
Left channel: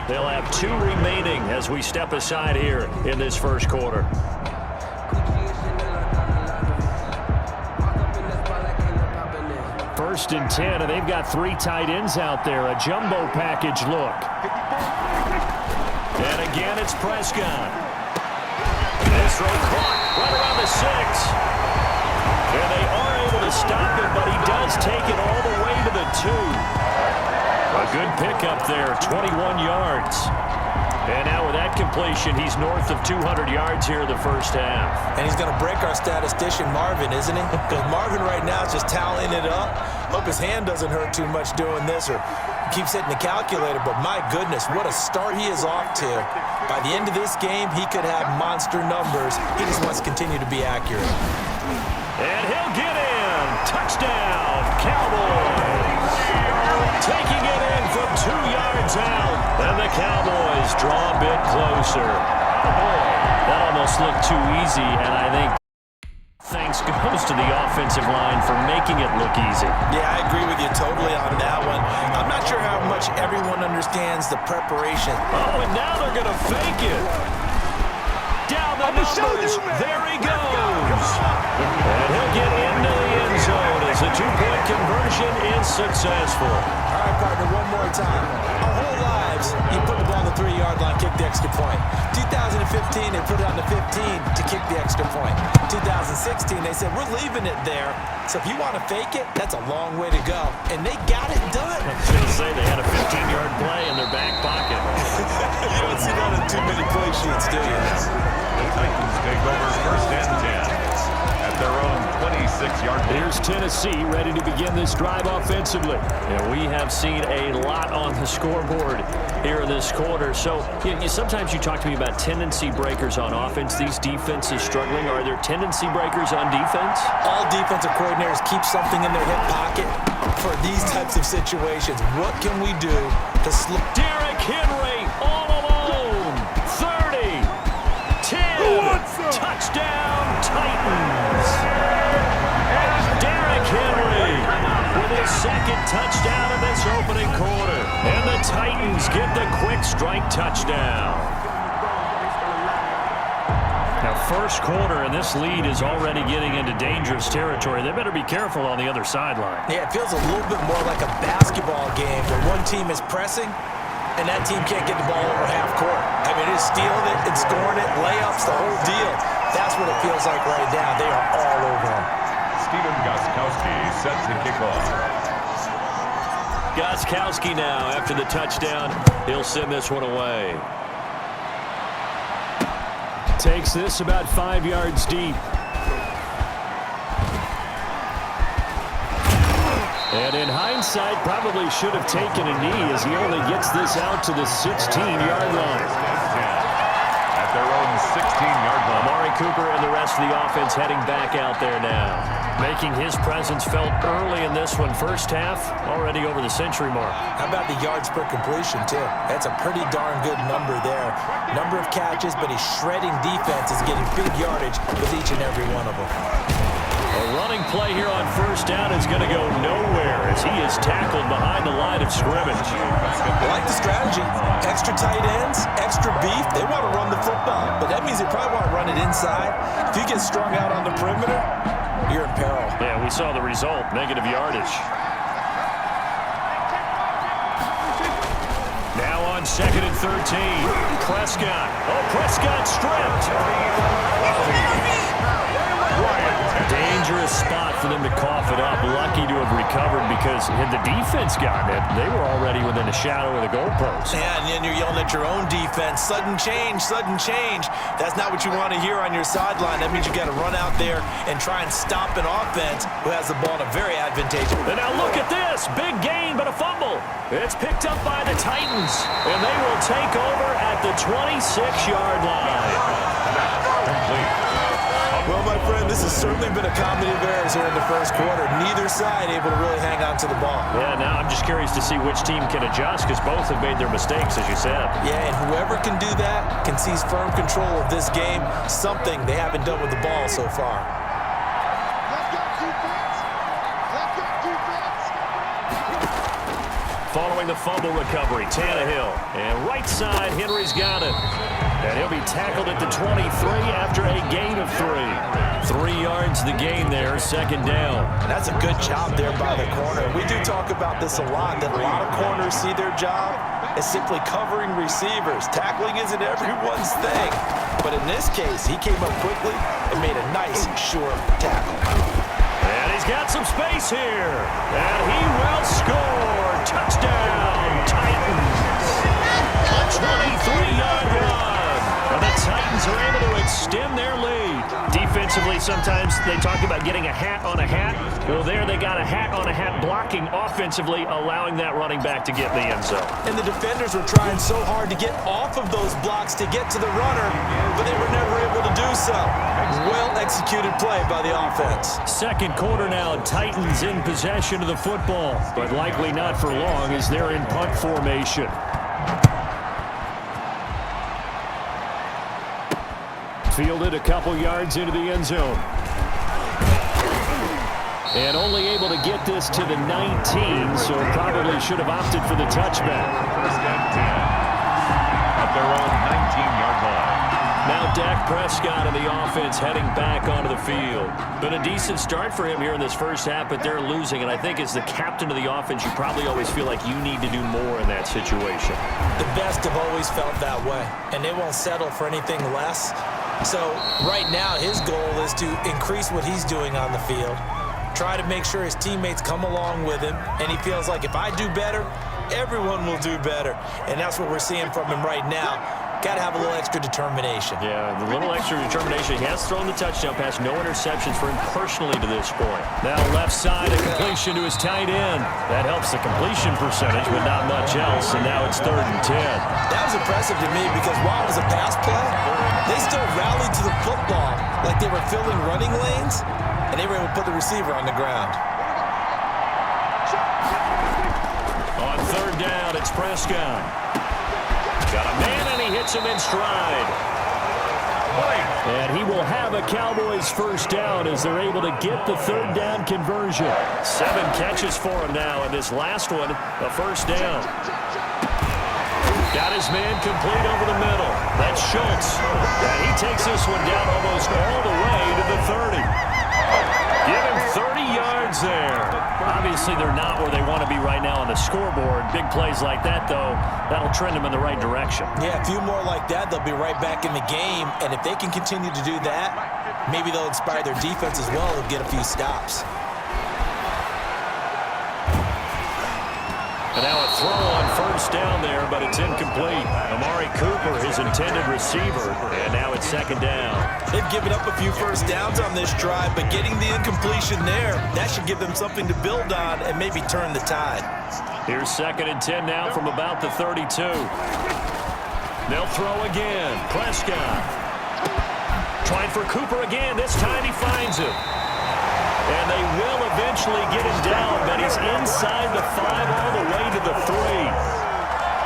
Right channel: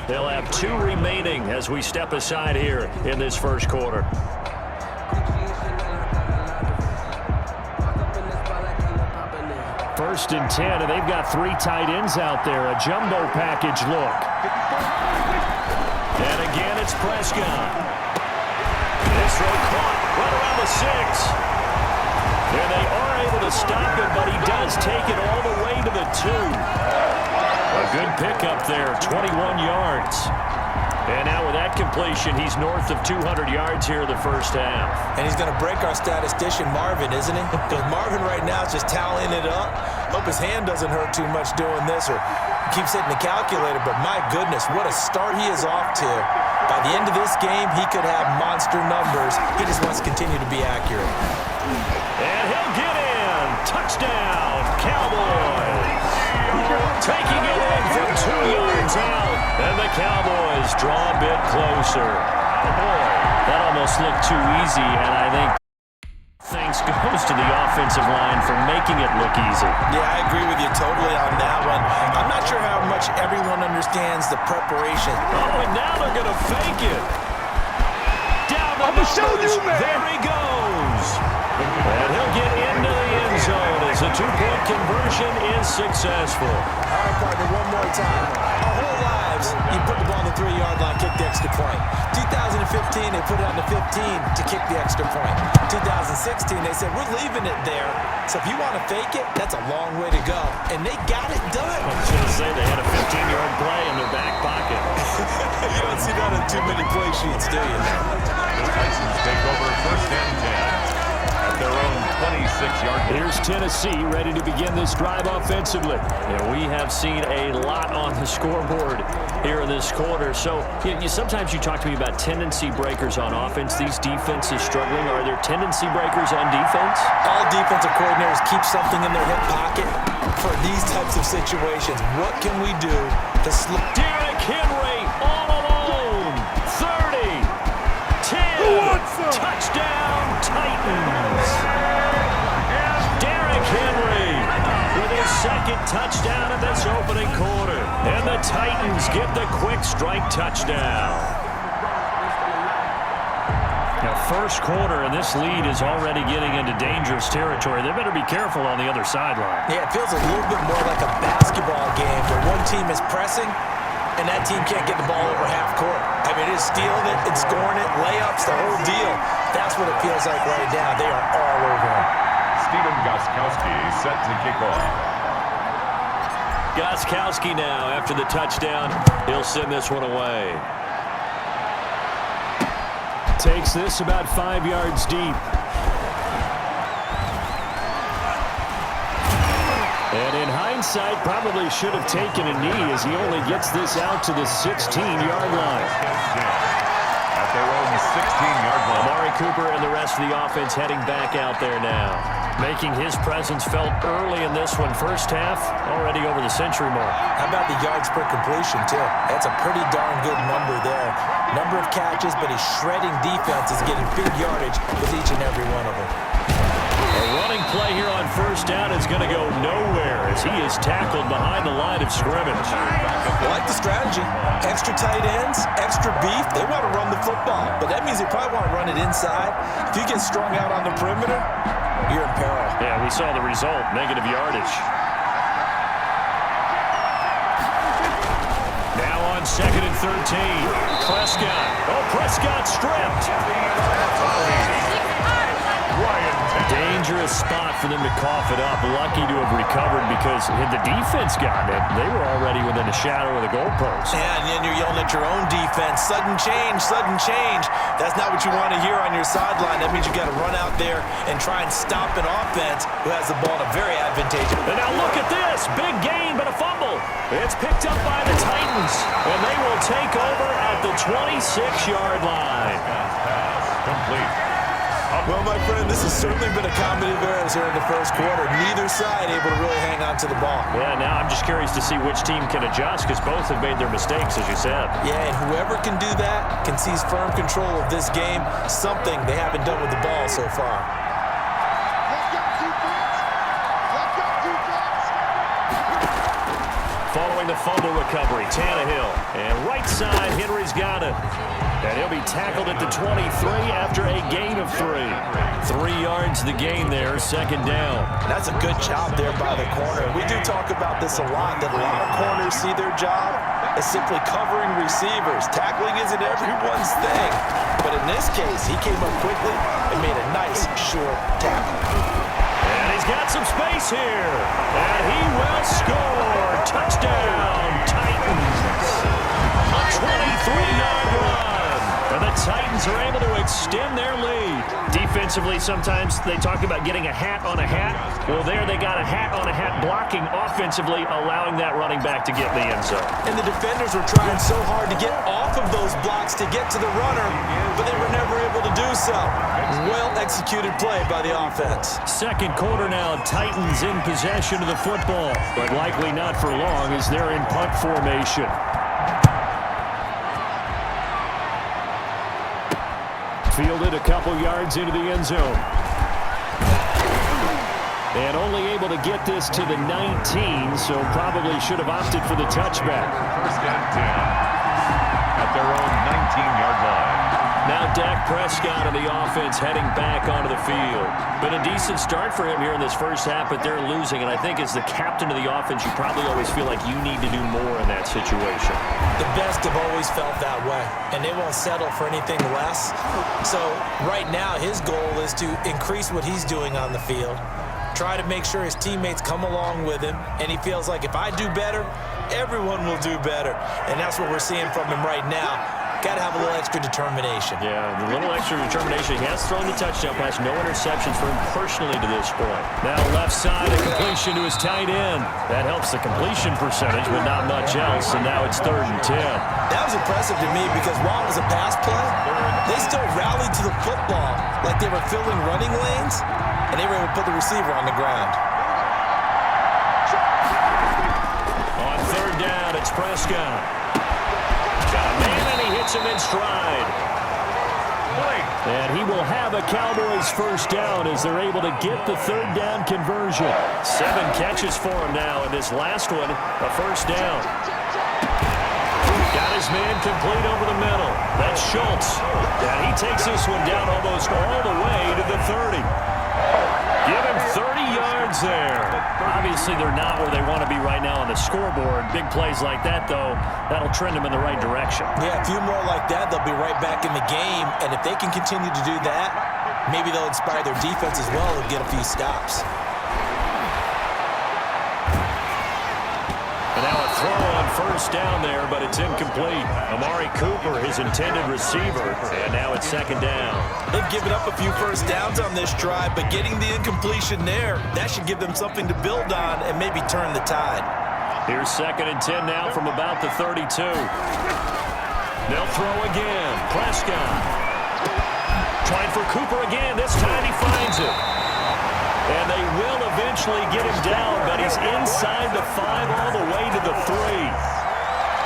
They'll have 2 remaining as we step aside here in this first quarter. First and 10, and they've got 3 tight ends out there. A jumbo package look. And again, it's Prescott. This throw caught right around the 6. And they are able to stop him, but he does take it all the way to the 2. A good pickup there, 21 yards. And now with that completion, he's north of 200 yards here in the first half. And he's going to break our statistician, Marvin, isn't he? Because Marvin right now is just tallying it up. Hope his hand doesn't hurt too much doing this, or keeps hitting the calculator. But my goodness, what a start he is off to. By the end of this game, he could have monster numbers. He just wants to continue to be accurate. And he'll get in. Touchdown, Cowboys. Taking it in from 2 yards out. And the Cowboys draw a bit closer. Oh boy, that almost looked too easy, and I think thanks goes to the offensive line for making it look easy. Yeah, I agree with you totally on that one. I'm not sure how much everyone understands the preparation. Oh, and now they're going to fake it. Down the numbers. There he goes. And he'll get into the end zone as a 2-point conversion is successful. All right, partner, one more time. Our whole lives, you put the ball on the 3-yard line, kick the extra point. 2015, they put it on the 15 to kick the extra point. 2016, they said, we're leaving it there. So if you want to fake it, that's a long way to go. And they got it done. I was going to say they had a 15-yard play in their back pocket. You don't see that on too many play sheets, do you? The Titans take over first and 10. At their own 26-yard line. Here's Tennessee ready to begin this drive offensively. And we have seen a lot on the scoreboard here in this quarter. So sometimes you talk to me about tendency breakers on offense. These defenses struggling. Are there tendency breakers on defense? All defensive coordinators keep something in their hip pocket for these types of situations. What can we do to slow? Derrick Henry all alone. 30. 10. Touchdown Titans. Derrick Henry with his second touchdown in this opening quarter. And the Titans get the quick strike touchdown. Now, first quarter, and this lead is already getting into dangerous territory. They better be careful on the other sideline. Yeah, it feels a little bit more like a basketball game where one team is pressing and that team can't get the ball over half court. I mean, it's stealing it, it's scoring it, layups, the whole deal. That's what it feels like right now. They are all over them. Steven Gostkowski set to kick off. Gostkowski now, after the touchdown, he'll send this one away. Takes this about 5 yards deep. And in hindsight, probably should have taken a knee as he only gets this out to the 16-yard line. At their own 16-yard line. Amari Cooper and the rest of the offense heading back out there now. Making his presence felt early in this one. First half, already over the century mark. How about the yards per completion, too? That's a pretty darn good number there. Number of catches, but he's shredding defenses, getting big yardage with each and every one of them. A running play here on first down is going to go nowhere as he is tackled behind the line of scrimmage. I like the strategy. Extra tight ends, extra beef. They want to run the football, but that means they probably want to run it inside. If you get strung out on the perimeter, you're in peril. Yeah, we saw the result, negative yardage. Now on 2nd and 13, Prescott. Oh, Prescott stripped. Dangerous spot for them to cough it up. Lucky to have recovered because had the defense gotten it, they were already within a shadow of the goalpost. Yeah, and then you're yelling at your own defense. Sudden change, sudden change. That's not what you want to hear on your sideline. That means you got to run out there and try and stop an offense who has the ball in a very advantageous. And now look at this. Big gain, but a fumble. It's picked up by the Titans, and they will take over at the 26-yard line. Complete. Well, my friend, this has certainly been a comedy of errors here in the first quarter. Neither side able to really hang on to the ball. Yeah, now I'm just curious to see which team can adjust because both have made their mistakes, as you said. Yeah, and whoever can do that can seize firm control of this game, something they haven't done with the ball so far. following the fumble recovery. Tannehill. And right side, Henry's got it. And he'll be tackled at the 23 after a gain of 3. 3 yards the gain there, second down. And that's a good job there by the corner. We do talk about this a lot, that a lot of corners see their job as simply covering receivers. Tackling isn't everyone's thing. But in this case, he came up quickly and made a nice, short tackle. And he's got some space here. And he will score. Touchdown, Titans. A 23-yard run. And the Titans are able to extend their lead. Defensively, sometimes they talk about getting a hat on a hat. Well, there they got a hat on a hat blocking offensively, allowing that running back to get in the end zone. And the defenders were trying so hard to get off of those blocks to get to the runner, but they were never able to do so. Well-executed play by the offense. Second quarter now, Titans in possession of the football, but likely not for long as they're in punt formation. Fielded a couple yards into the end zone. And only able to get this to the 19, so probably should have opted for the touchback. First and 10 at their own 19-yard line. Now Dak Prescott and the offense heading back onto the field. Been a decent start for him here in this first half, but they're losing. And I think as the captain of the offense, you probably always feel like you need to do more in that situation. The best have always felt that way, and they won't settle for anything less. So right now his goal is to increase what he's doing on the field, try to make sure his teammates come along with him, and he feels like if I do better, everyone will do better. And that's what we're seeing from him right now. Got to have a little extra determination. Yeah, the little extra determination. He has thrown the touchdown pass. No interceptions for him personally to this point. Now left side, a completion to his tight end. That helps the completion percentage, but not much else. And now it's 3rd and 10. That was impressive to me because while it was a pass play, they still rallied to the football like they were filling running lanes, and they were able to put the receiver on the ground. On 3rd down, it's Prescott. Got a man, and he hits him in stride. And he will have a Cowboys first down as they're able to get the 3rd down conversion. 7 catches for him now, and this last one, a first down. Got his man complete over the middle. That's Schultz. And he takes this one down almost all the way to the 30. Give him 30 yards there. Obviously, they're not where they want to be right now on the scoreboard. Big plays like that, though, that'll trend them in the right direction. Yeah, a few more like that, they'll be right back in the game. And if they can continue to do that, maybe they'll inspire their defense as well and get a few stops. And now a throw on first down there, but it's incomplete. Amari Cooper, his intended receiver, and now it's 2nd down. They've given up a few first downs on this drive, but getting the incompletion there, that should give them something to build on and maybe turn the tide. Here's 2nd and 10 now from about the 32. They'll throw again. Prescott trying for Cooper again. This time he finds him. And they will eventually get him down, but he's inside the 5 all the way to the 3.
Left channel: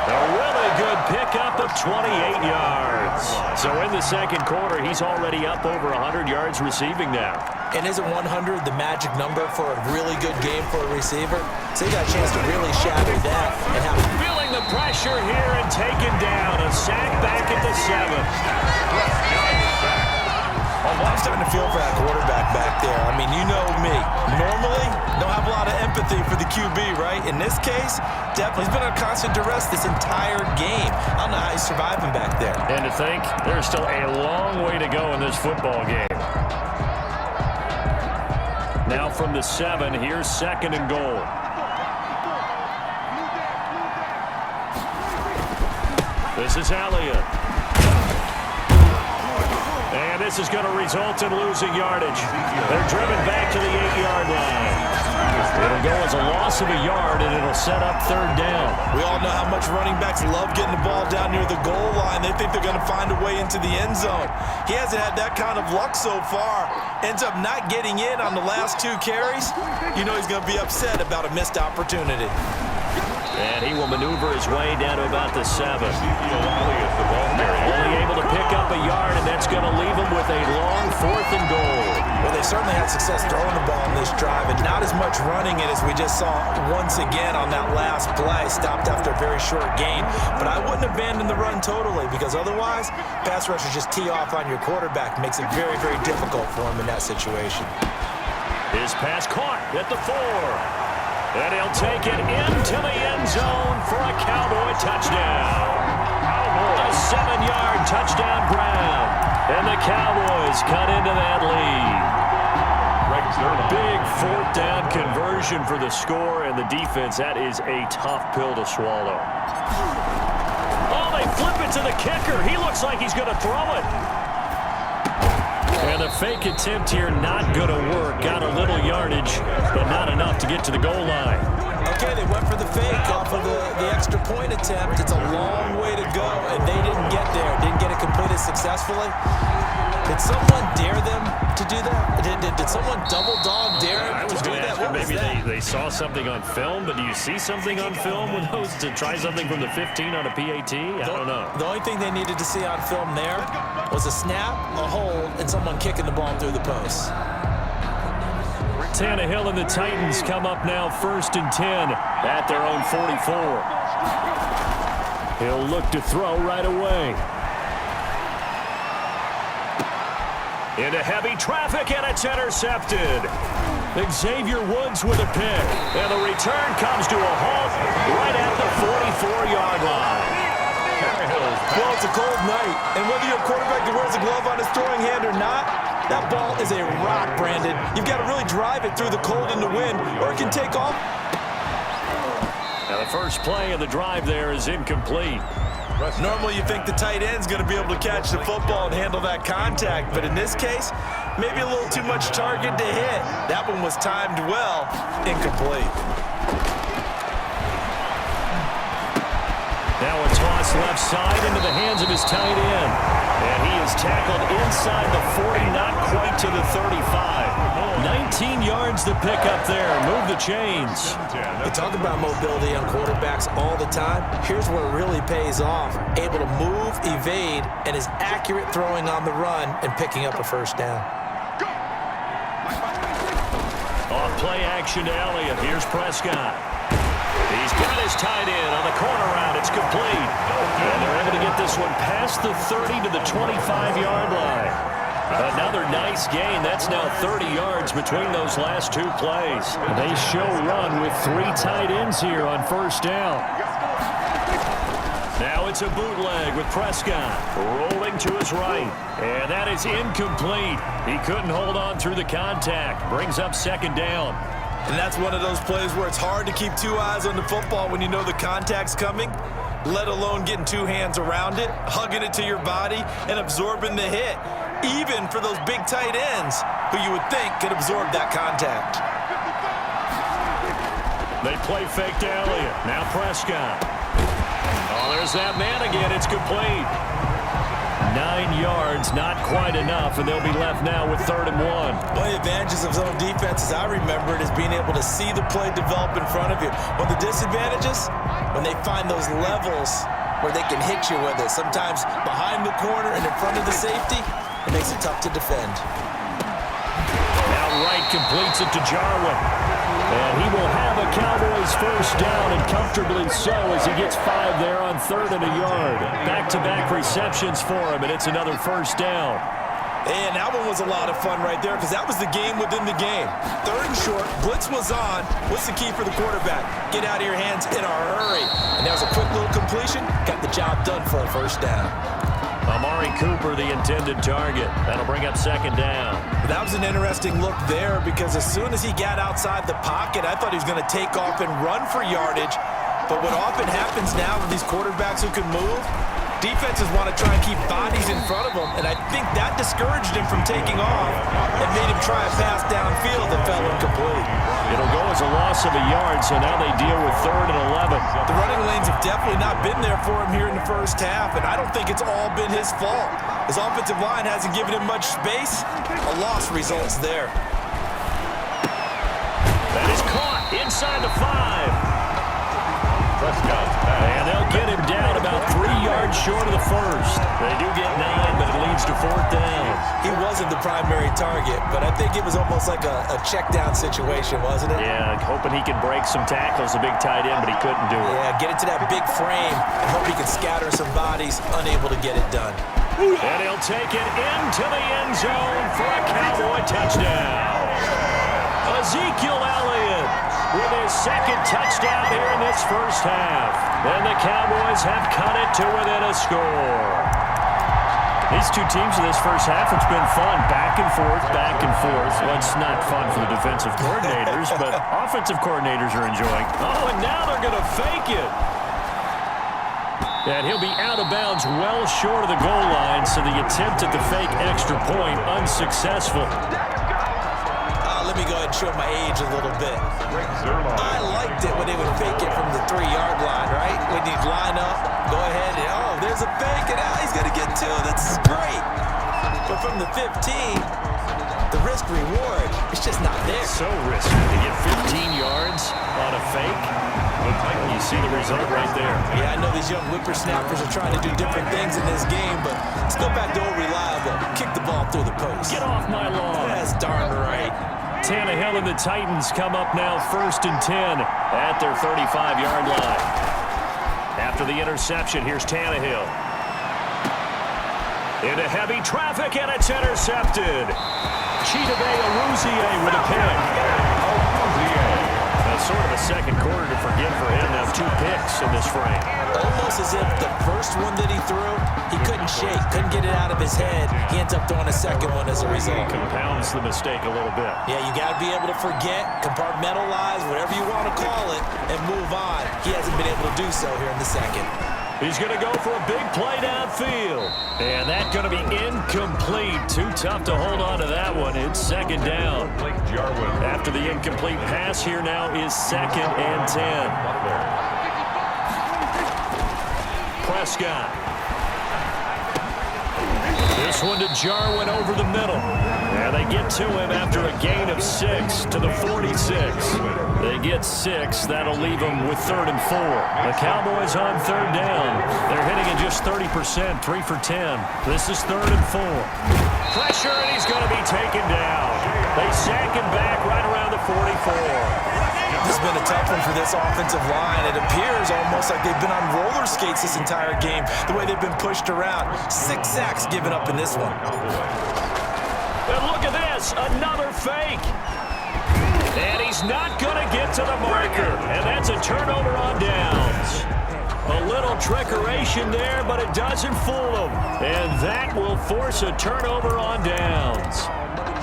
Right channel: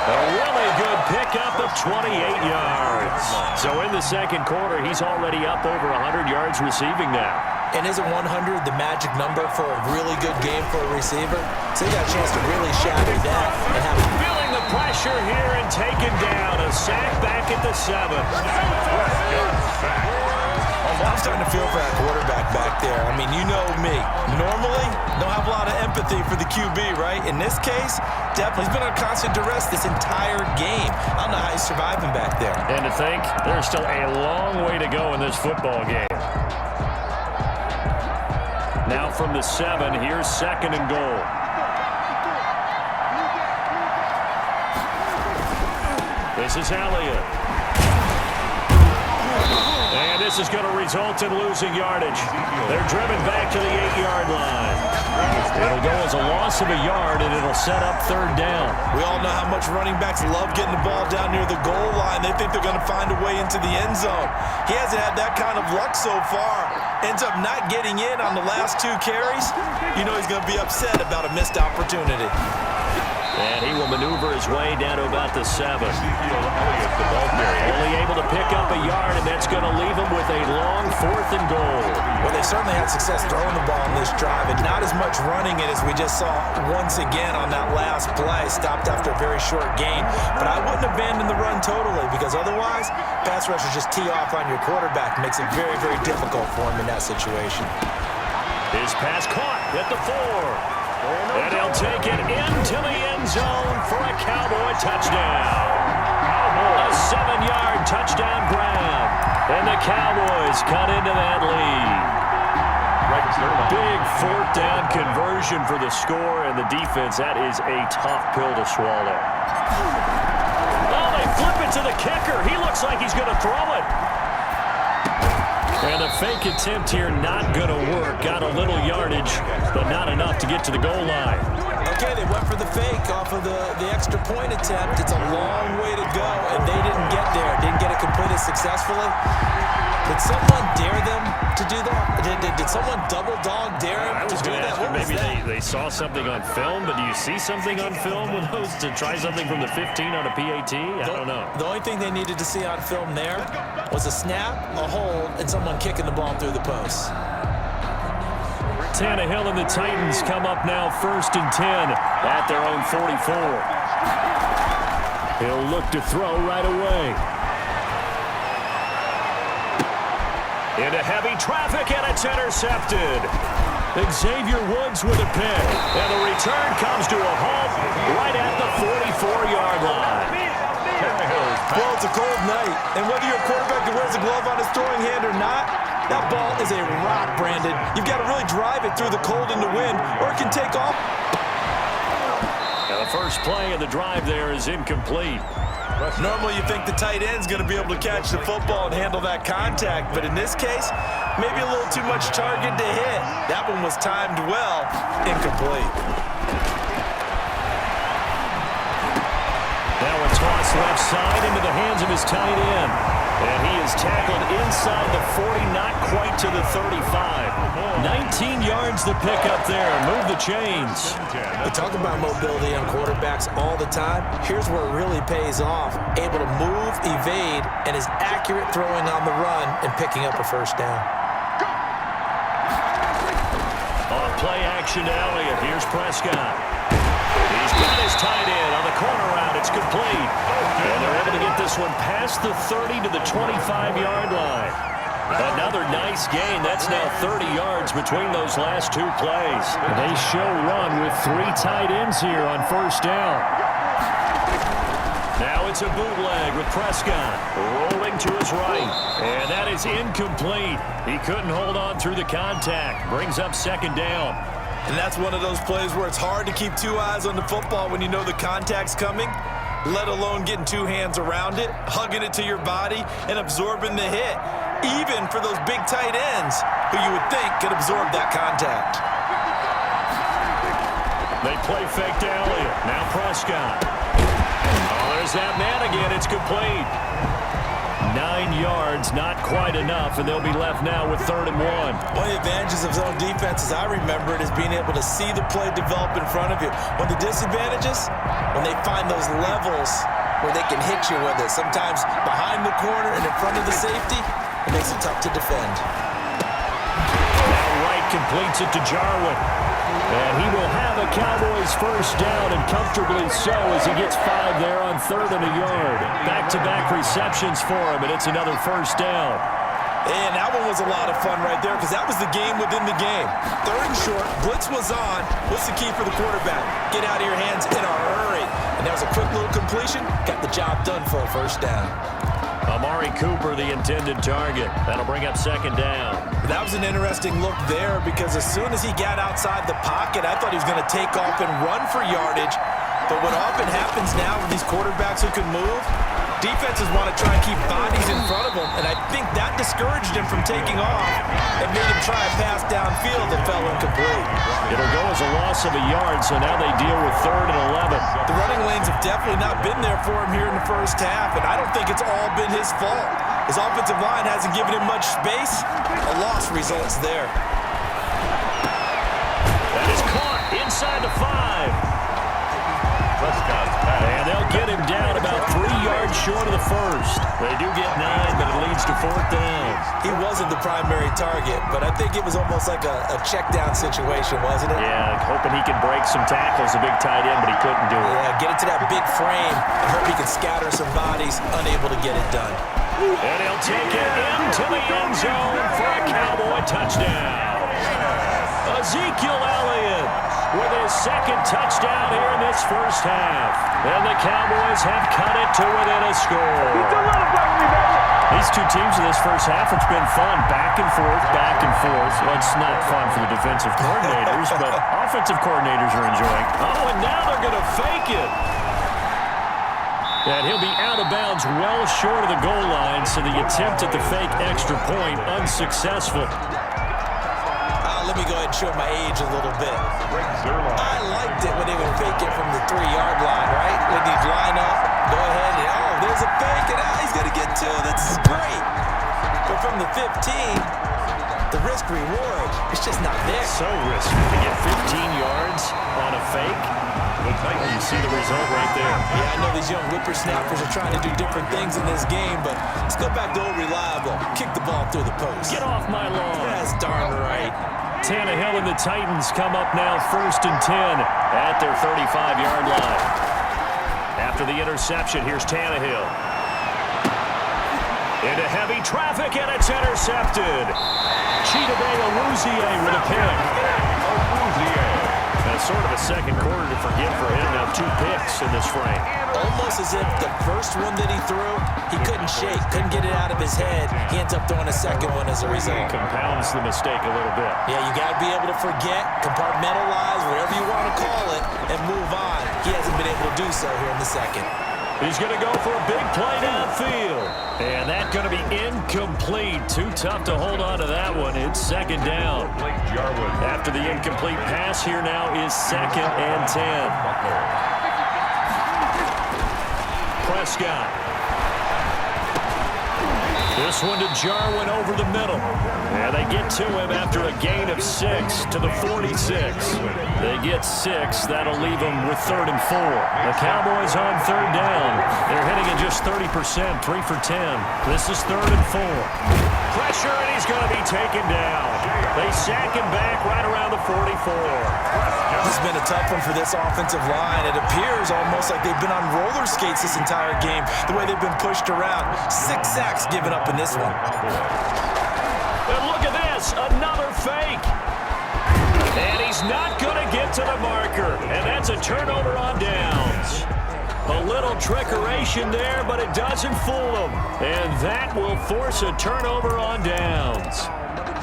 A really good pickup of 28 yards. So in the second quarter, he's already up over 100 yards receiving now. And isn't 100 the magic number for a really good game for a receiver? So he got a chance to really shatter that and have feeling the pressure here and taken down. A sack back at the 7. Prescott sacked. I'm starting to feel for that quarterback back there. I mean, you know me. Normally, don't have a lot of empathy for the QB, right? In this case, definitely. He's been on constant duress this entire game. I don't know how he's surviving back there. And to think, there's still a long way to go in this football game. Now from the 7, here's 2nd and goal. This is Elliott. And this is going to result in losing yardage. They're driven back to the 8-yard line. It'll go as a loss of a yard, and it'll set up 3rd down. We all know how much running backs love getting the ball down near the goal line. They think they're going to find a way into the end zone. He hasn't had that kind of luck so far. Ends up not getting in on the last 2 carries. You know he's going to be upset about a missed opportunity. And he will maneuver his way down to about the 7. Ezekiel Elliott, the ball carrier. Only able to pick up a yard, and that's going to leave him with a long 4th and goal. Well, they certainly had success throwing the ball in this drive, and not as much running it as we just saw once again on that last play. Stopped after a very short gain. But I wouldn't abandon the run totally, because otherwise, pass rushers just tee off on your quarterback. Makes it very, very difficult for him in that situation. His pass caught at the 4. And he'll take it into the end zone for a Cowboy touchdown. A 7-yard touchdown grab. And the Cowboys cut into that lead. Big 4th down conversion for the score, and the defense, that is a tough pill to swallow. Oh, they flip it to the kicker. He looks like he's going to throw it. And the fake attempt here not going to work. Got a little yardage, but not enough to get to the goal line. Okay, they went for the fake off of the extra point attempt. It's a long way to go, and they didn't get there. Didn't get it completed successfully. Did someone dare them to do that? Did someone double dog dare them to do that? What was that? They saw something on film, but do you see something on film with those to try something from the 15 on a PAT? I don't know. The only thing they needed to see on film there was a snap, a hold, and someone kicking the ball through the post. Tannehill and the Titans come up now 1st and 10 at their own 44. He'll look to throw right away. Into heavy traffic, and it's intercepted. Xavier Woods with a pick, and the return comes to a halt right at the 44-yard line. Well, it's a cold night, and whether you're a quarterback that wears a glove on his throwing hand or not, that ball is a rock, Brandon. You've got to really drive it through the cold and the wind, or it can take off. Now the first play of the drive there is incomplete. Normally you think the tight end's going to be able to catch the football and handle that contact, but in this case, maybe a little too much target to hit. That one was timed well, incomplete. Now a toss left side into the hands of his tight end. And he is tackled inside the 40, not quite to the 35. 19 yards to pick up there. Move the chains. We talk about mobility on quarterbacks all the time. Here's where it really pays off. Able to move, evade, and is accurate throwing on the run and picking up a 1st down. Off play action to Elliott. Here's Prescott. He's got his tight end on the corner route. It's complete. And they're able to get this one past the 30 to the 25-yard line. Another nice gain. That's now 30 yards between those last 2 plays. They show run with 3 tight ends here on 1st down. Now it's a bootleg with Prescott rolling to his right. And that is incomplete. He couldn't hold on through the contact. Brings up 2nd down. And that's one of those plays where it's hard to keep 2 eyes on the football when you know the contact's coming, let alone getting 2 hands around it, hugging it to your body, and absorbing the hit, even for those big tight ends who you would think could absorb that contact. They play fake to Elliott. Now Prescott. Oh, there's that man again. It's complete. 9 yards, not quite enough, and they'll be left now with 3rd and 1. One of the advantages of zone defense, as I remember it, is being able to see the play develop in front of you. One of the disadvantages, when they find those levels where they can hit you with it, sometimes behind the corner and in front of the safety, it makes it tough to defend. Now Wright completes it to Jarwin. And he will have a Cowboys 1st down, and comfortably so, as he gets 5 there on 3rd and a yard. Back-to-back receptions for him, and it's another 1st down. And that one was a lot of fun right there, because that was the game within the game. 3rd and short, blitz was on. What's the key for the quarterback? Get out of your hands in a hurry. And that was a quick little completion. Got the job done for a 1st down. Amari Cooper, the intended target. That'll bring up 2nd down. That was an interesting look there, because as soon as he got outside the pocket, I thought he was going to take off and run for yardage. But what often happens now with these quarterbacks who can move, defenses want to try and keep bodies in front of them, and I think that discouraged him from taking off and made him try a pass downfield that fell incomplete. It'll go as a loss of a yard, so now they deal with 3rd and 11. The running lanes have definitely not been there for him here in the 1st half, and I don't think it's all been his fault. His offensive line hasn't given him much space. A loss results there. That is caught inside the 5. Prescott's pass. And they'll get him down about 3 yards short of the first. They do get 9, but it leads to 4th down. He wasn't the primary target, but I think it was almost like a check down situation, wasn't it? Yeah, hoping he can break some tackles, a big tight end, but he couldn't do it. Yeah, get it to that big frame and hope he can scatter some bodies, unable to get it done. And he'll take it into the end zone for a Cowboy touchdown. Ezekiel Elliott with his 2nd touchdown here in this first half. And the Cowboys have cut it to within a score. These two teams in this first half, it's been fun. Back and forth, back and forth. Well, it's not fun for the defensive coordinators, but offensive coordinators are enjoying. Oh, and now they're going to fake it. And he'll be out of bounds well short of the goal line, so the attempt at the fake extra point unsuccessful. Let me go ahead and show my age a little bit. I liked it when they would fake it from the 3-yard line, right? When you'd line up, go ahead, and oh, there's a fake, and he's going to get 2. This is great. But from the 15, the risk-reward, it's just not there. So risky to get 15 yards on a fake. You see the result right there. Yeah, I know these young whippersnappers are trying to do different things in this game, but let's go back to old reliable. Kick the ball through the post. Get off my lawn. That's darn right. Tannehill and the Titans come up now 1st and 10 at their 35-yard line. After the interception, here's Tannehill. Into heavy traffic, and it's intercepted. Chidobe Awuzie with a pick. Sort of a second quarter to forget for him. Now 2 picks in this frame. Almost as if the first one that he threw, he couldn't shake, couldn't get it out of his head. He ends up throwing a second one as a result. Compounds the mistake a little bit. Yeah, you got to be able to forget, compartmentalize, whatever you want to call it, and move on. He hasn't been able to do so here in the second. He's going to go for a big play downfield. And that's going to be incomplete. Too tough to hold on to that one. It's 2nd down. After the incomplete pass, here now is 2nd and 10. Prescott. This one to Jarwin over the middle. And they get to him after a gain of 6 to the 46. They get 6. That'll leave them with 3rd and 4. The Cowboys on 3rd down. They're hitting at just 30%, 3 for 10. This is 3rd and 4. Pressure, and he's going to be taken down. They sack him back right around the 44. This has been a tough one for this offensive line. It appears almost like they've been on roller skates this entire game, the way they've been pushed around. 6 sacks given up in this one. And look at this, another fake. And he's not going to get to the marker. And that's a turnover on downs. A little trickeration there, but it doesn't fool them. And that will force a turnover on downs.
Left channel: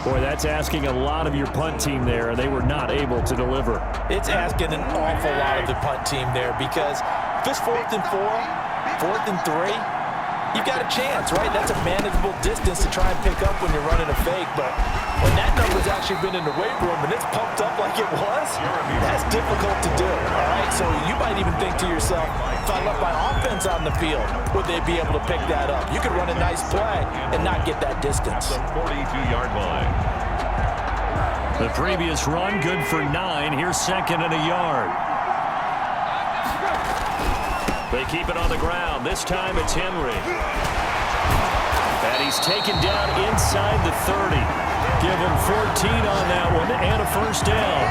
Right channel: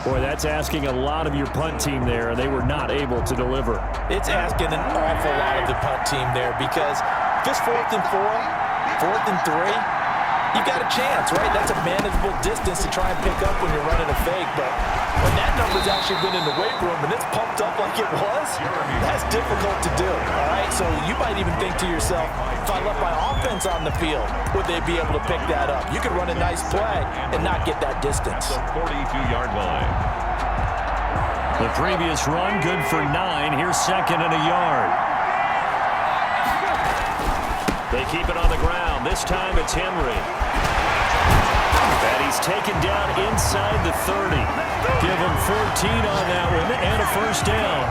Boy, that's asking a lot of your punt team there, and they were not able to deliver. It's asking an awful lot of the punt team there because if it's 4th and 4, 4th and 3, you've got a chance, right? That's a manageable distance to try and pick up when you're running a fake. But when that number's actually been in the weight room and it's pumped up like it was, that's difficult to do, all right? So you might even think to yourself, if I left my offense on the field, would they be able to pick that up? You could run a nice play and not get that distance. The 42-yard line. The previous run, good for 9. Here's 2nd and a yard. They keep it on the ground. This time it's Henry. And he's taken down inside the 30. Give him 14 on that one and a 1st down.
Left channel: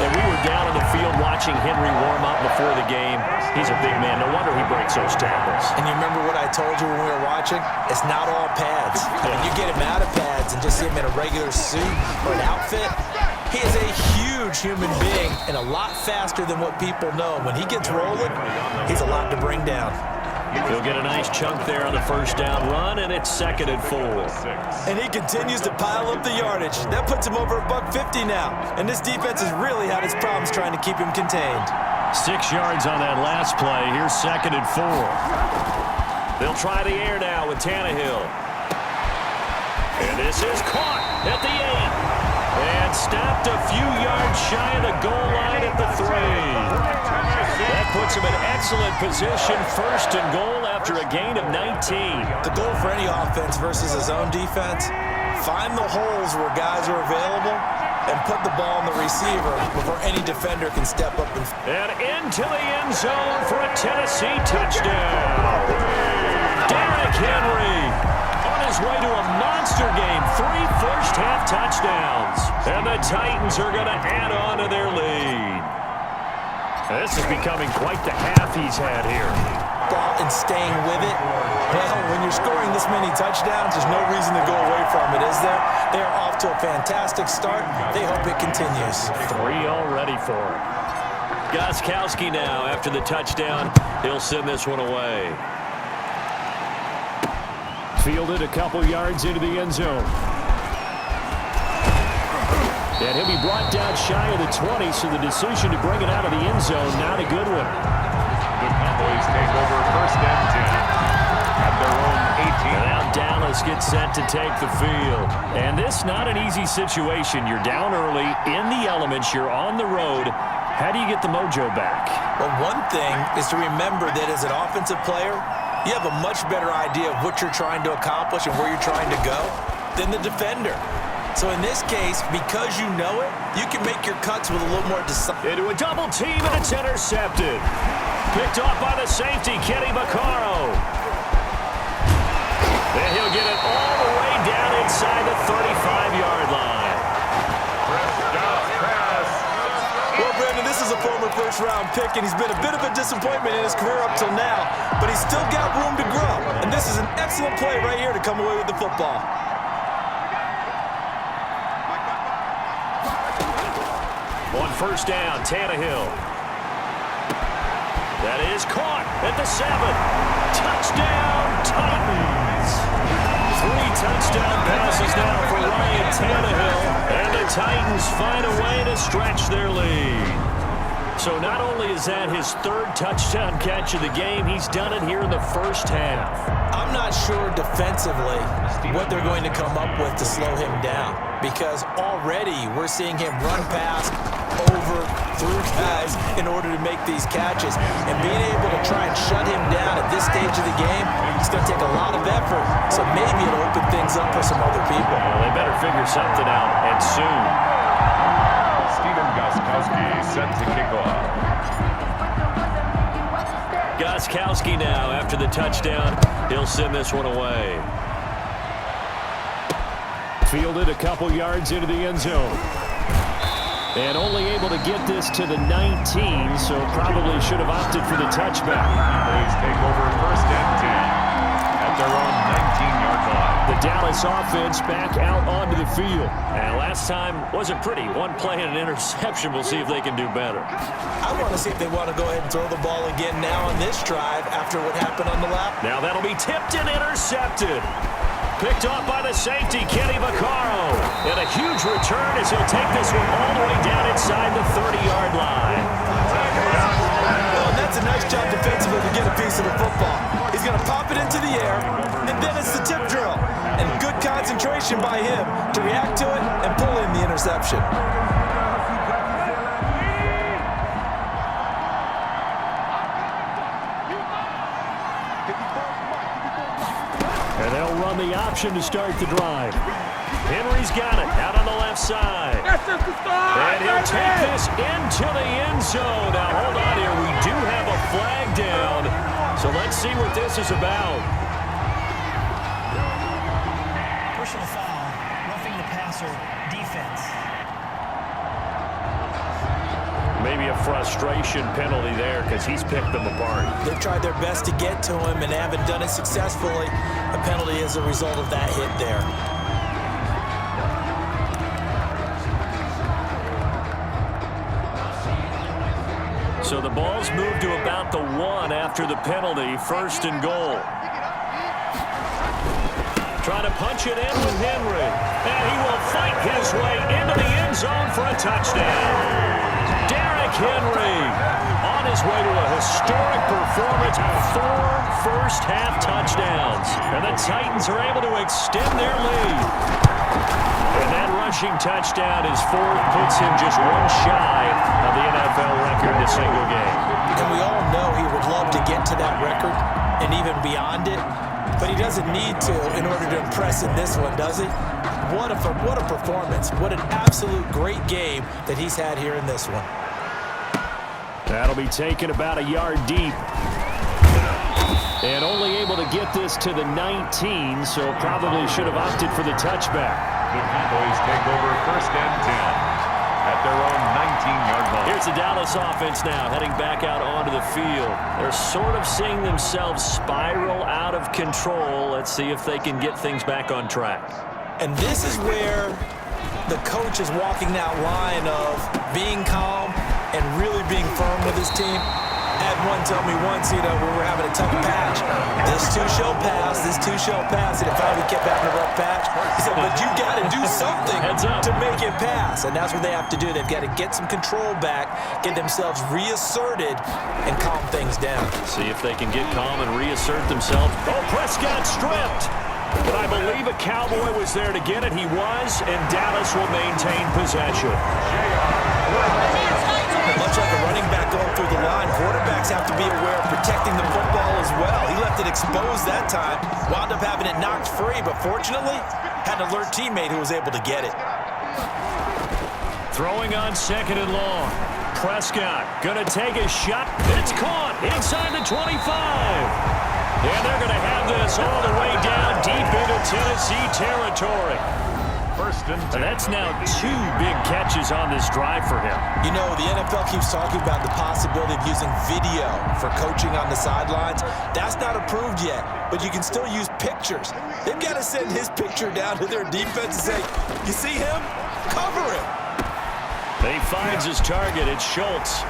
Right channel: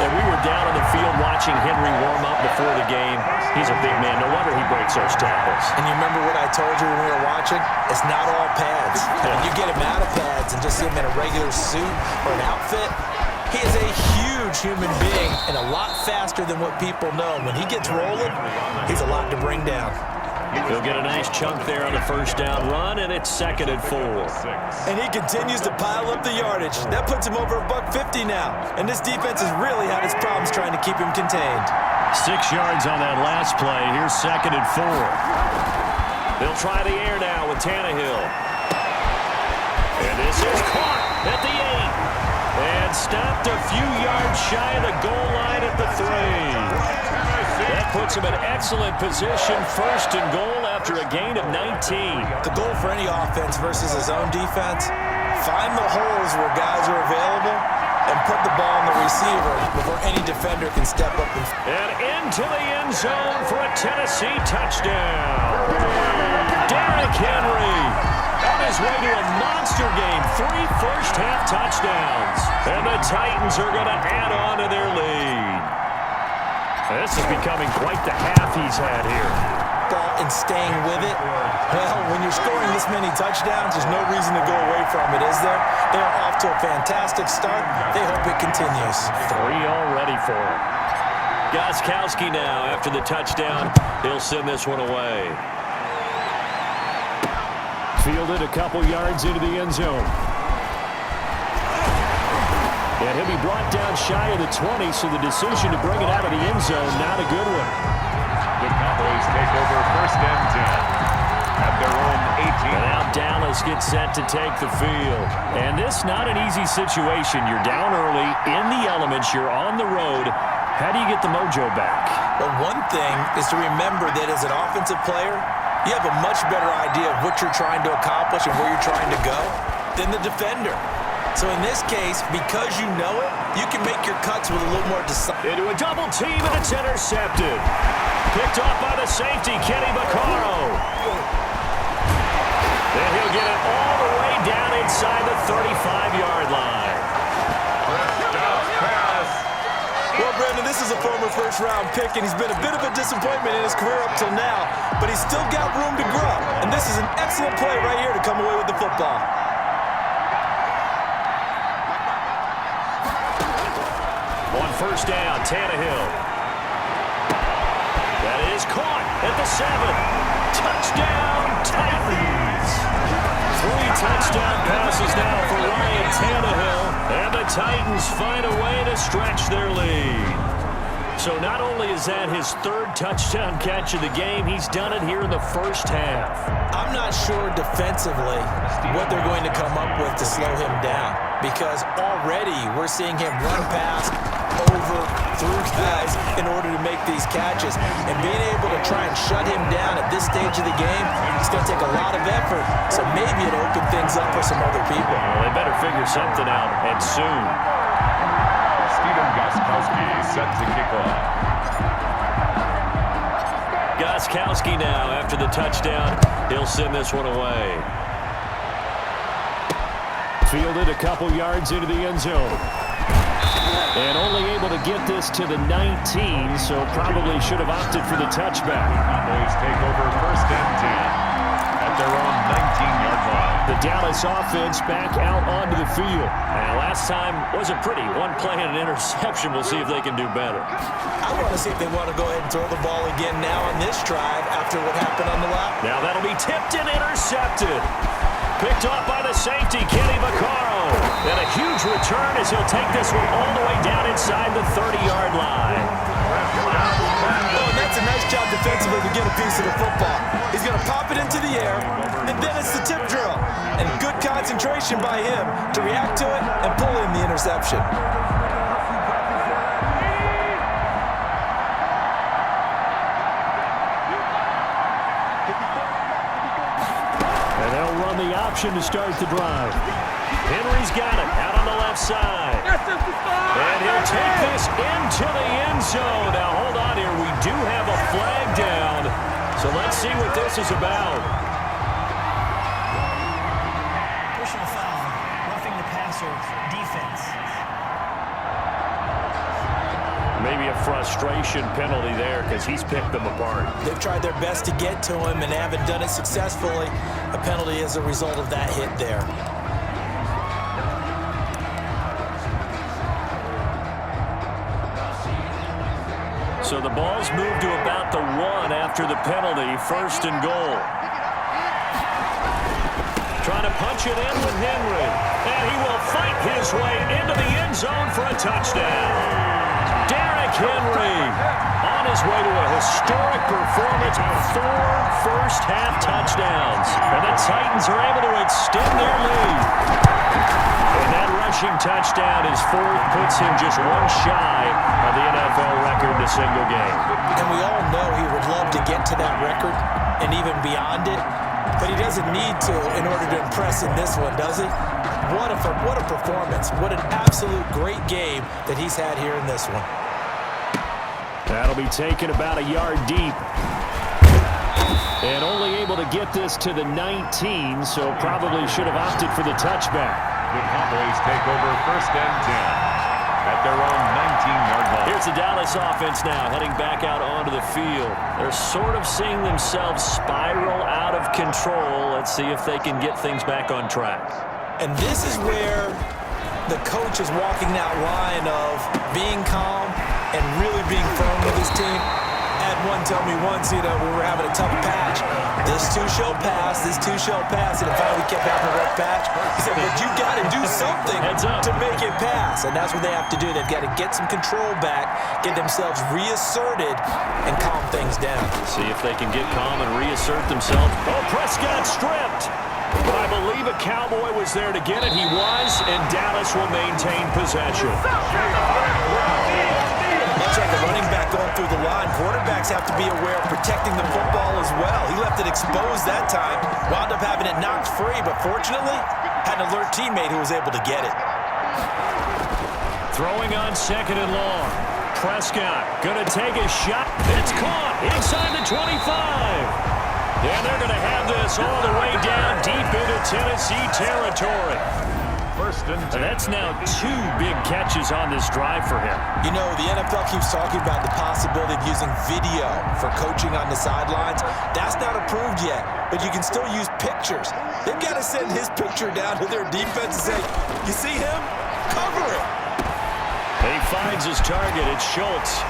And we were down on the field watching Henry warm up before the game. He's a big man. No wonder he breaks those tackles. And you remember what I told you when we were watching? It's not all pads. I mean, you get him out of pads and just see him in a regular suit or an outfit. He is a huge human being and a lot faster than what people know. When he gets rolling, he's a lot to bring down. He'll get a nice chunk there on the 1st down run, and it's 2nd and 4. And he continues to pile up the yardage. That puts him over $150 now. And this defense has really had its problems trying to keep him contained. 6 yards on that last play. Here's 2nd and 4. They'll try the air now with Tannehill. And this is caught at the 8. And stopped a few yards shy of the goal line at the 3. That puts him in excellent position, 1st and goal after a gain of 19. The goal for any offense versus his own defense, find the holes where guys are available and put the ball on the receiver before any defender can step up and into the end zone for a Tennessee touchdown. Derrick Henry on his way to a monster game. 3 first-half touchdowns. And the Titans are going to add on to their lead. This is becoming quite the half he's had here. Ball and staying with it. Well, when you're scoring this many touchdowns, there's no reason to go away from it, is there? They are off to a fantastic start. They hope it continues. 3 already for him. Gostkowski now after the touchdown. He'll send this one away. Fielded a couple yards into the end zone. And he'll be brought down shy of the 20, so the decision to bring it out of the end zone, not a good one. The Cowboys take over first and 10 at their own 18. And now Dallas gets set to take the field. And this not an easy situation. You're down early, in the elements, you're on the road. How do you get the mojo back? Well, one thing is to remember that as an offensive player, you have a much better idea of what you're trying to accomplish and where you're trying to go than the defender. So in this case, because you know it, you can make your cuts with a little more decisive. Into a double team, and it's intercepted. Picked off by the safety, Kenny Vaccaro. Then he'll get it all the way down inside the 35-yard line. Well, Brandon, this is a former first-round pick, and he's been a bit of a disappointment in his career up till now, but he's still got room to grow. And this is an excellent play right here to come away with the football. On first down, Tannehill. That is caught at the 7. Touchdown, Titans. 3 touchdown passes now for Ryan Tannehill. And the Titans find a way to stretch their lead. So not only is that his 3rd touchdown catch of the game, he's done it here in the first half. I'm not sure defensively what they're going to come up with to slow him down, because already we're seeing him run past, over, through guys in order to make these catches. And being able to try and shut him down at this stage of the game, it's going to take a lot of effort. So maybe it'll open things up for some other people. Well, they better figure something out, and soon. Gostkowski set to kick off. Gostkowski now after the touchdown. He'll send this one away. Fielded a couple yards into the end zone. And only able to get this to the 19, so probably should have opted for the touchback. Cowboys take over first and 10 at their own 19-yard line. The Dallas offense back out onto the field. And last time wasn't pretty. One play and an interception. We'll see if they can do better. I want to see if they want to go ahead and throw the ball again now on this drive after what happened on the lap. Now that'll be tipped and intercepted. Picked off by the safety, Kenny Vaccaro. And a huge return as he'll take this one all the way down inside the 30-yard line. Oh, and that's a nice job defensively to get a piece of the football. He's going to pop it into the air, and then it's the tip drill. And good concentration by him to react to it and pull in the interception. And they'll run the option to start the drive. Henry's got it out on the left side. And he'll take this into the end zone. Now, hold on here. We do have a flag down. So let's see what this is about. Personal foul, roughing the passer, defense. Maybe a frustration penalty there because he's picked them apart. They've tried their best to get to him and haven't done it successfully. A penalty as a result of that hit there. So the ball's moved to about the 1 after the penalty. First and goal. Trying to punch it in with Henry. And he will fight his way into the end zone for a touchdown. Derrick Henry on his way to a historic performance. 4 first-half touchdowns. And the Titans are able to extend their lead. And that rushing touchdown is 4th, puts him just 1 shy of the NFL record in a single game. And we all know he would love to get to that record. and even beyond it, but he doesn't need to in order to impress in this one, does he? What a performance. What an absolute great game that he's had here in this one. That'll be taken about a yard deep. And only able to get this to the 19, so probably should have opted for the touchback. The Cowboys take over 1st and 10 at their own 19-yard line. Here's the Dallas offense now heading back out onto the field. They're sort of seeing themselves spiral out of control. Let's see if they can get things back on track. And this is where the coach is walking that line of being calm and really being firm with his team. Had one tell me once, we were having a tough patch. This too shall pass, this too shall pass. And finally we kept having a rough patch. He said, but you got to do something to make it pass. And that's what they have to do. They've got to get some control back, get themselves reasserted, and calm things down. See if they can get calm and reassert themselves. Oh, Prescott stripped. But I believe a Cowboy was there to get it. He was, and Dallas will maintain possession. Much like a running back going through the line, quarterbacks have to be aware of protecting the football as well. He left it exposed that time, wound up having it knocked free, but fortunately, had an alert teammate who was able to get it. Throwing on 2nd and long. Prescott going to take a shot. It's caught inside the 25. And they're going to have this all the way down deep into Tennessee territory. 1st and 10. That's now 2 big catches on this drive for him. You know, the NFL keeps talking about the possibility of using video for coaching on the sidelines. That's not approved yet, but you can still use pictures. They've got to send his picture down to their defense and say, you see him? Cover him. He finds his target. It's Schultz.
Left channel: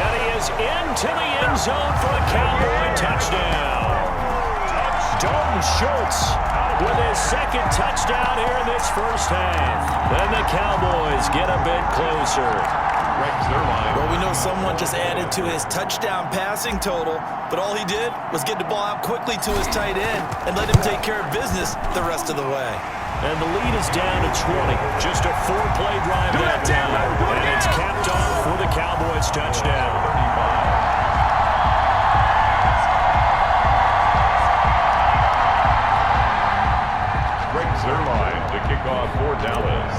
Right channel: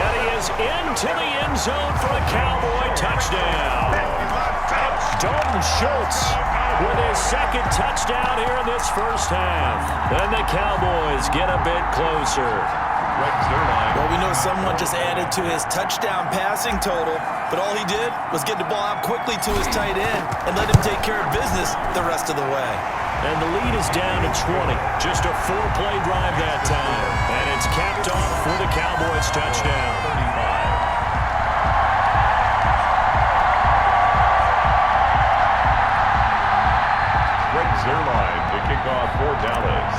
And he is into the end zone for a Cowboy touchdown. Dalton Schultz with his 2nd touchdown here in this 1st half. And the Cowboys get a bit closer. Well, we know someone just added to his touchdown passing total, but all he did was get the ball out quickly to his tight end and let him take care of business the rest of the way. And the lead is down to 20. Just a 4-play drive that time. And it's capped off for the Cowboys touchdown. 35. Zerline to kick off for Dallas.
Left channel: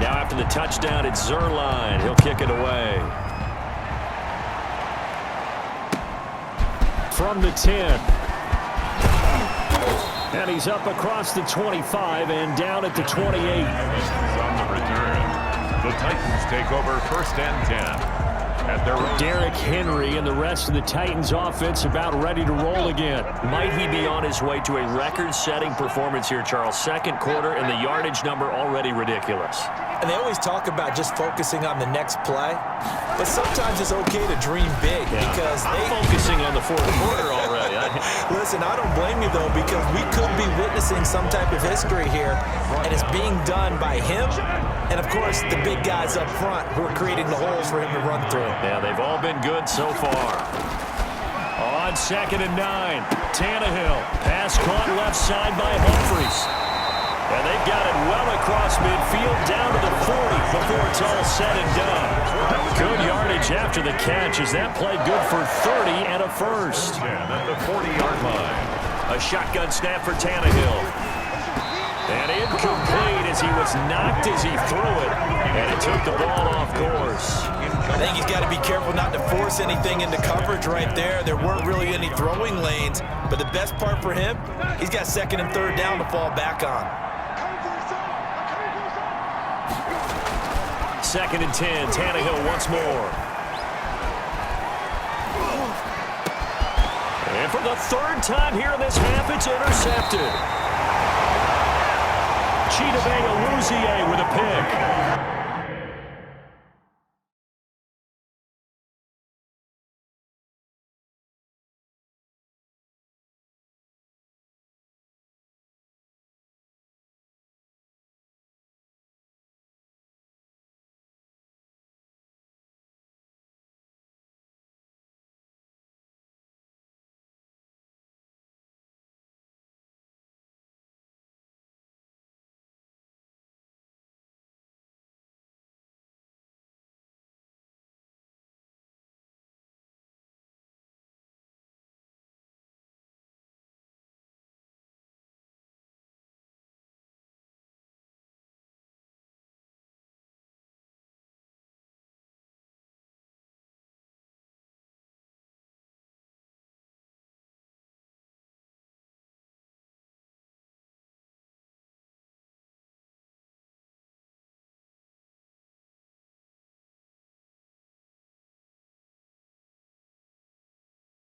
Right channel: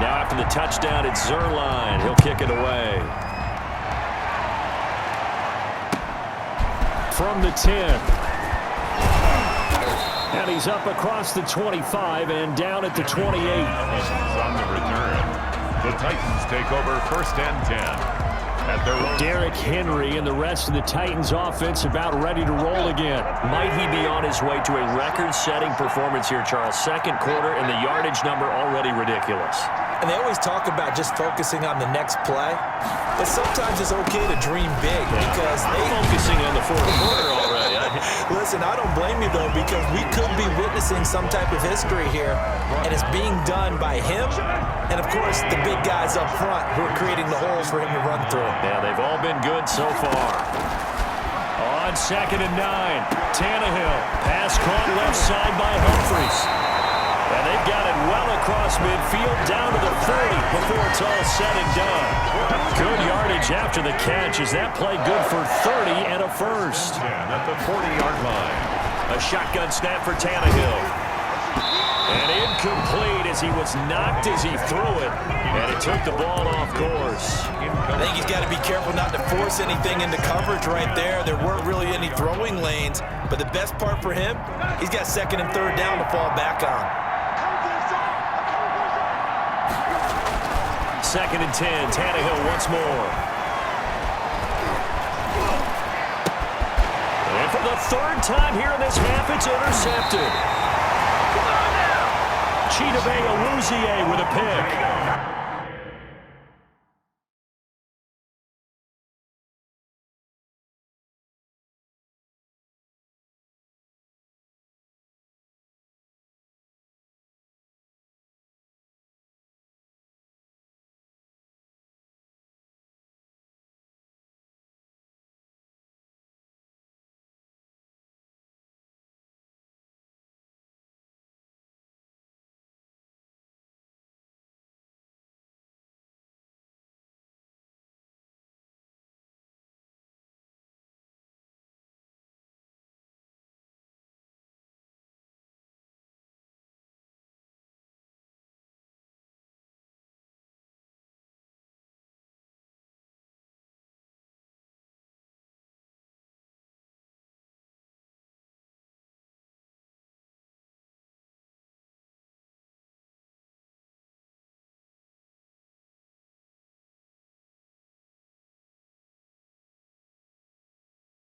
Now after the touchdown, it's Zerline. He'll kick it away. From the 10. And he's up across the 25 and down at the 28. On the return, the Titans take over 1st and 10. At their own. Derrick Henry and the rest of the Titans offense about ready to roll again. Might he be on his way to a record-setting performance here, Charles? 2nd quarter and the yardage number already ridiculous. And they always talk about just focusing on the next play, but sometimes it's okay to dream big because I'm focusing on the 4th quarter already. Listen, I don't blame you, though, because we could be witnessing some type of history here, and it's being done by him and, of course, the big guys up front who are creating the holes for him to run through. Yeah, they've all been good so far. On 2nd and 9, Tannehill. Pass caught left side by Humphries. And they've got it well across midfield down to the 40 before it's all said and done. Good yardage after the catch. Is that play good for 30 and a first? 10 at the 40-yard line. A shotgun snap for Tannehill. And incomplete as he was knocked as he threw it. And it took the ball off course. I think he's got to be careful not to force anything into coverage right there. There weren't really any throwing lanes. But the best part for him, he's got 2nd and 3rd down to fall back on. 2nd and 10, Tannehill once more. And for the 3rd time here in this half, it's intercepted. Chidobe Awuzie with a pick.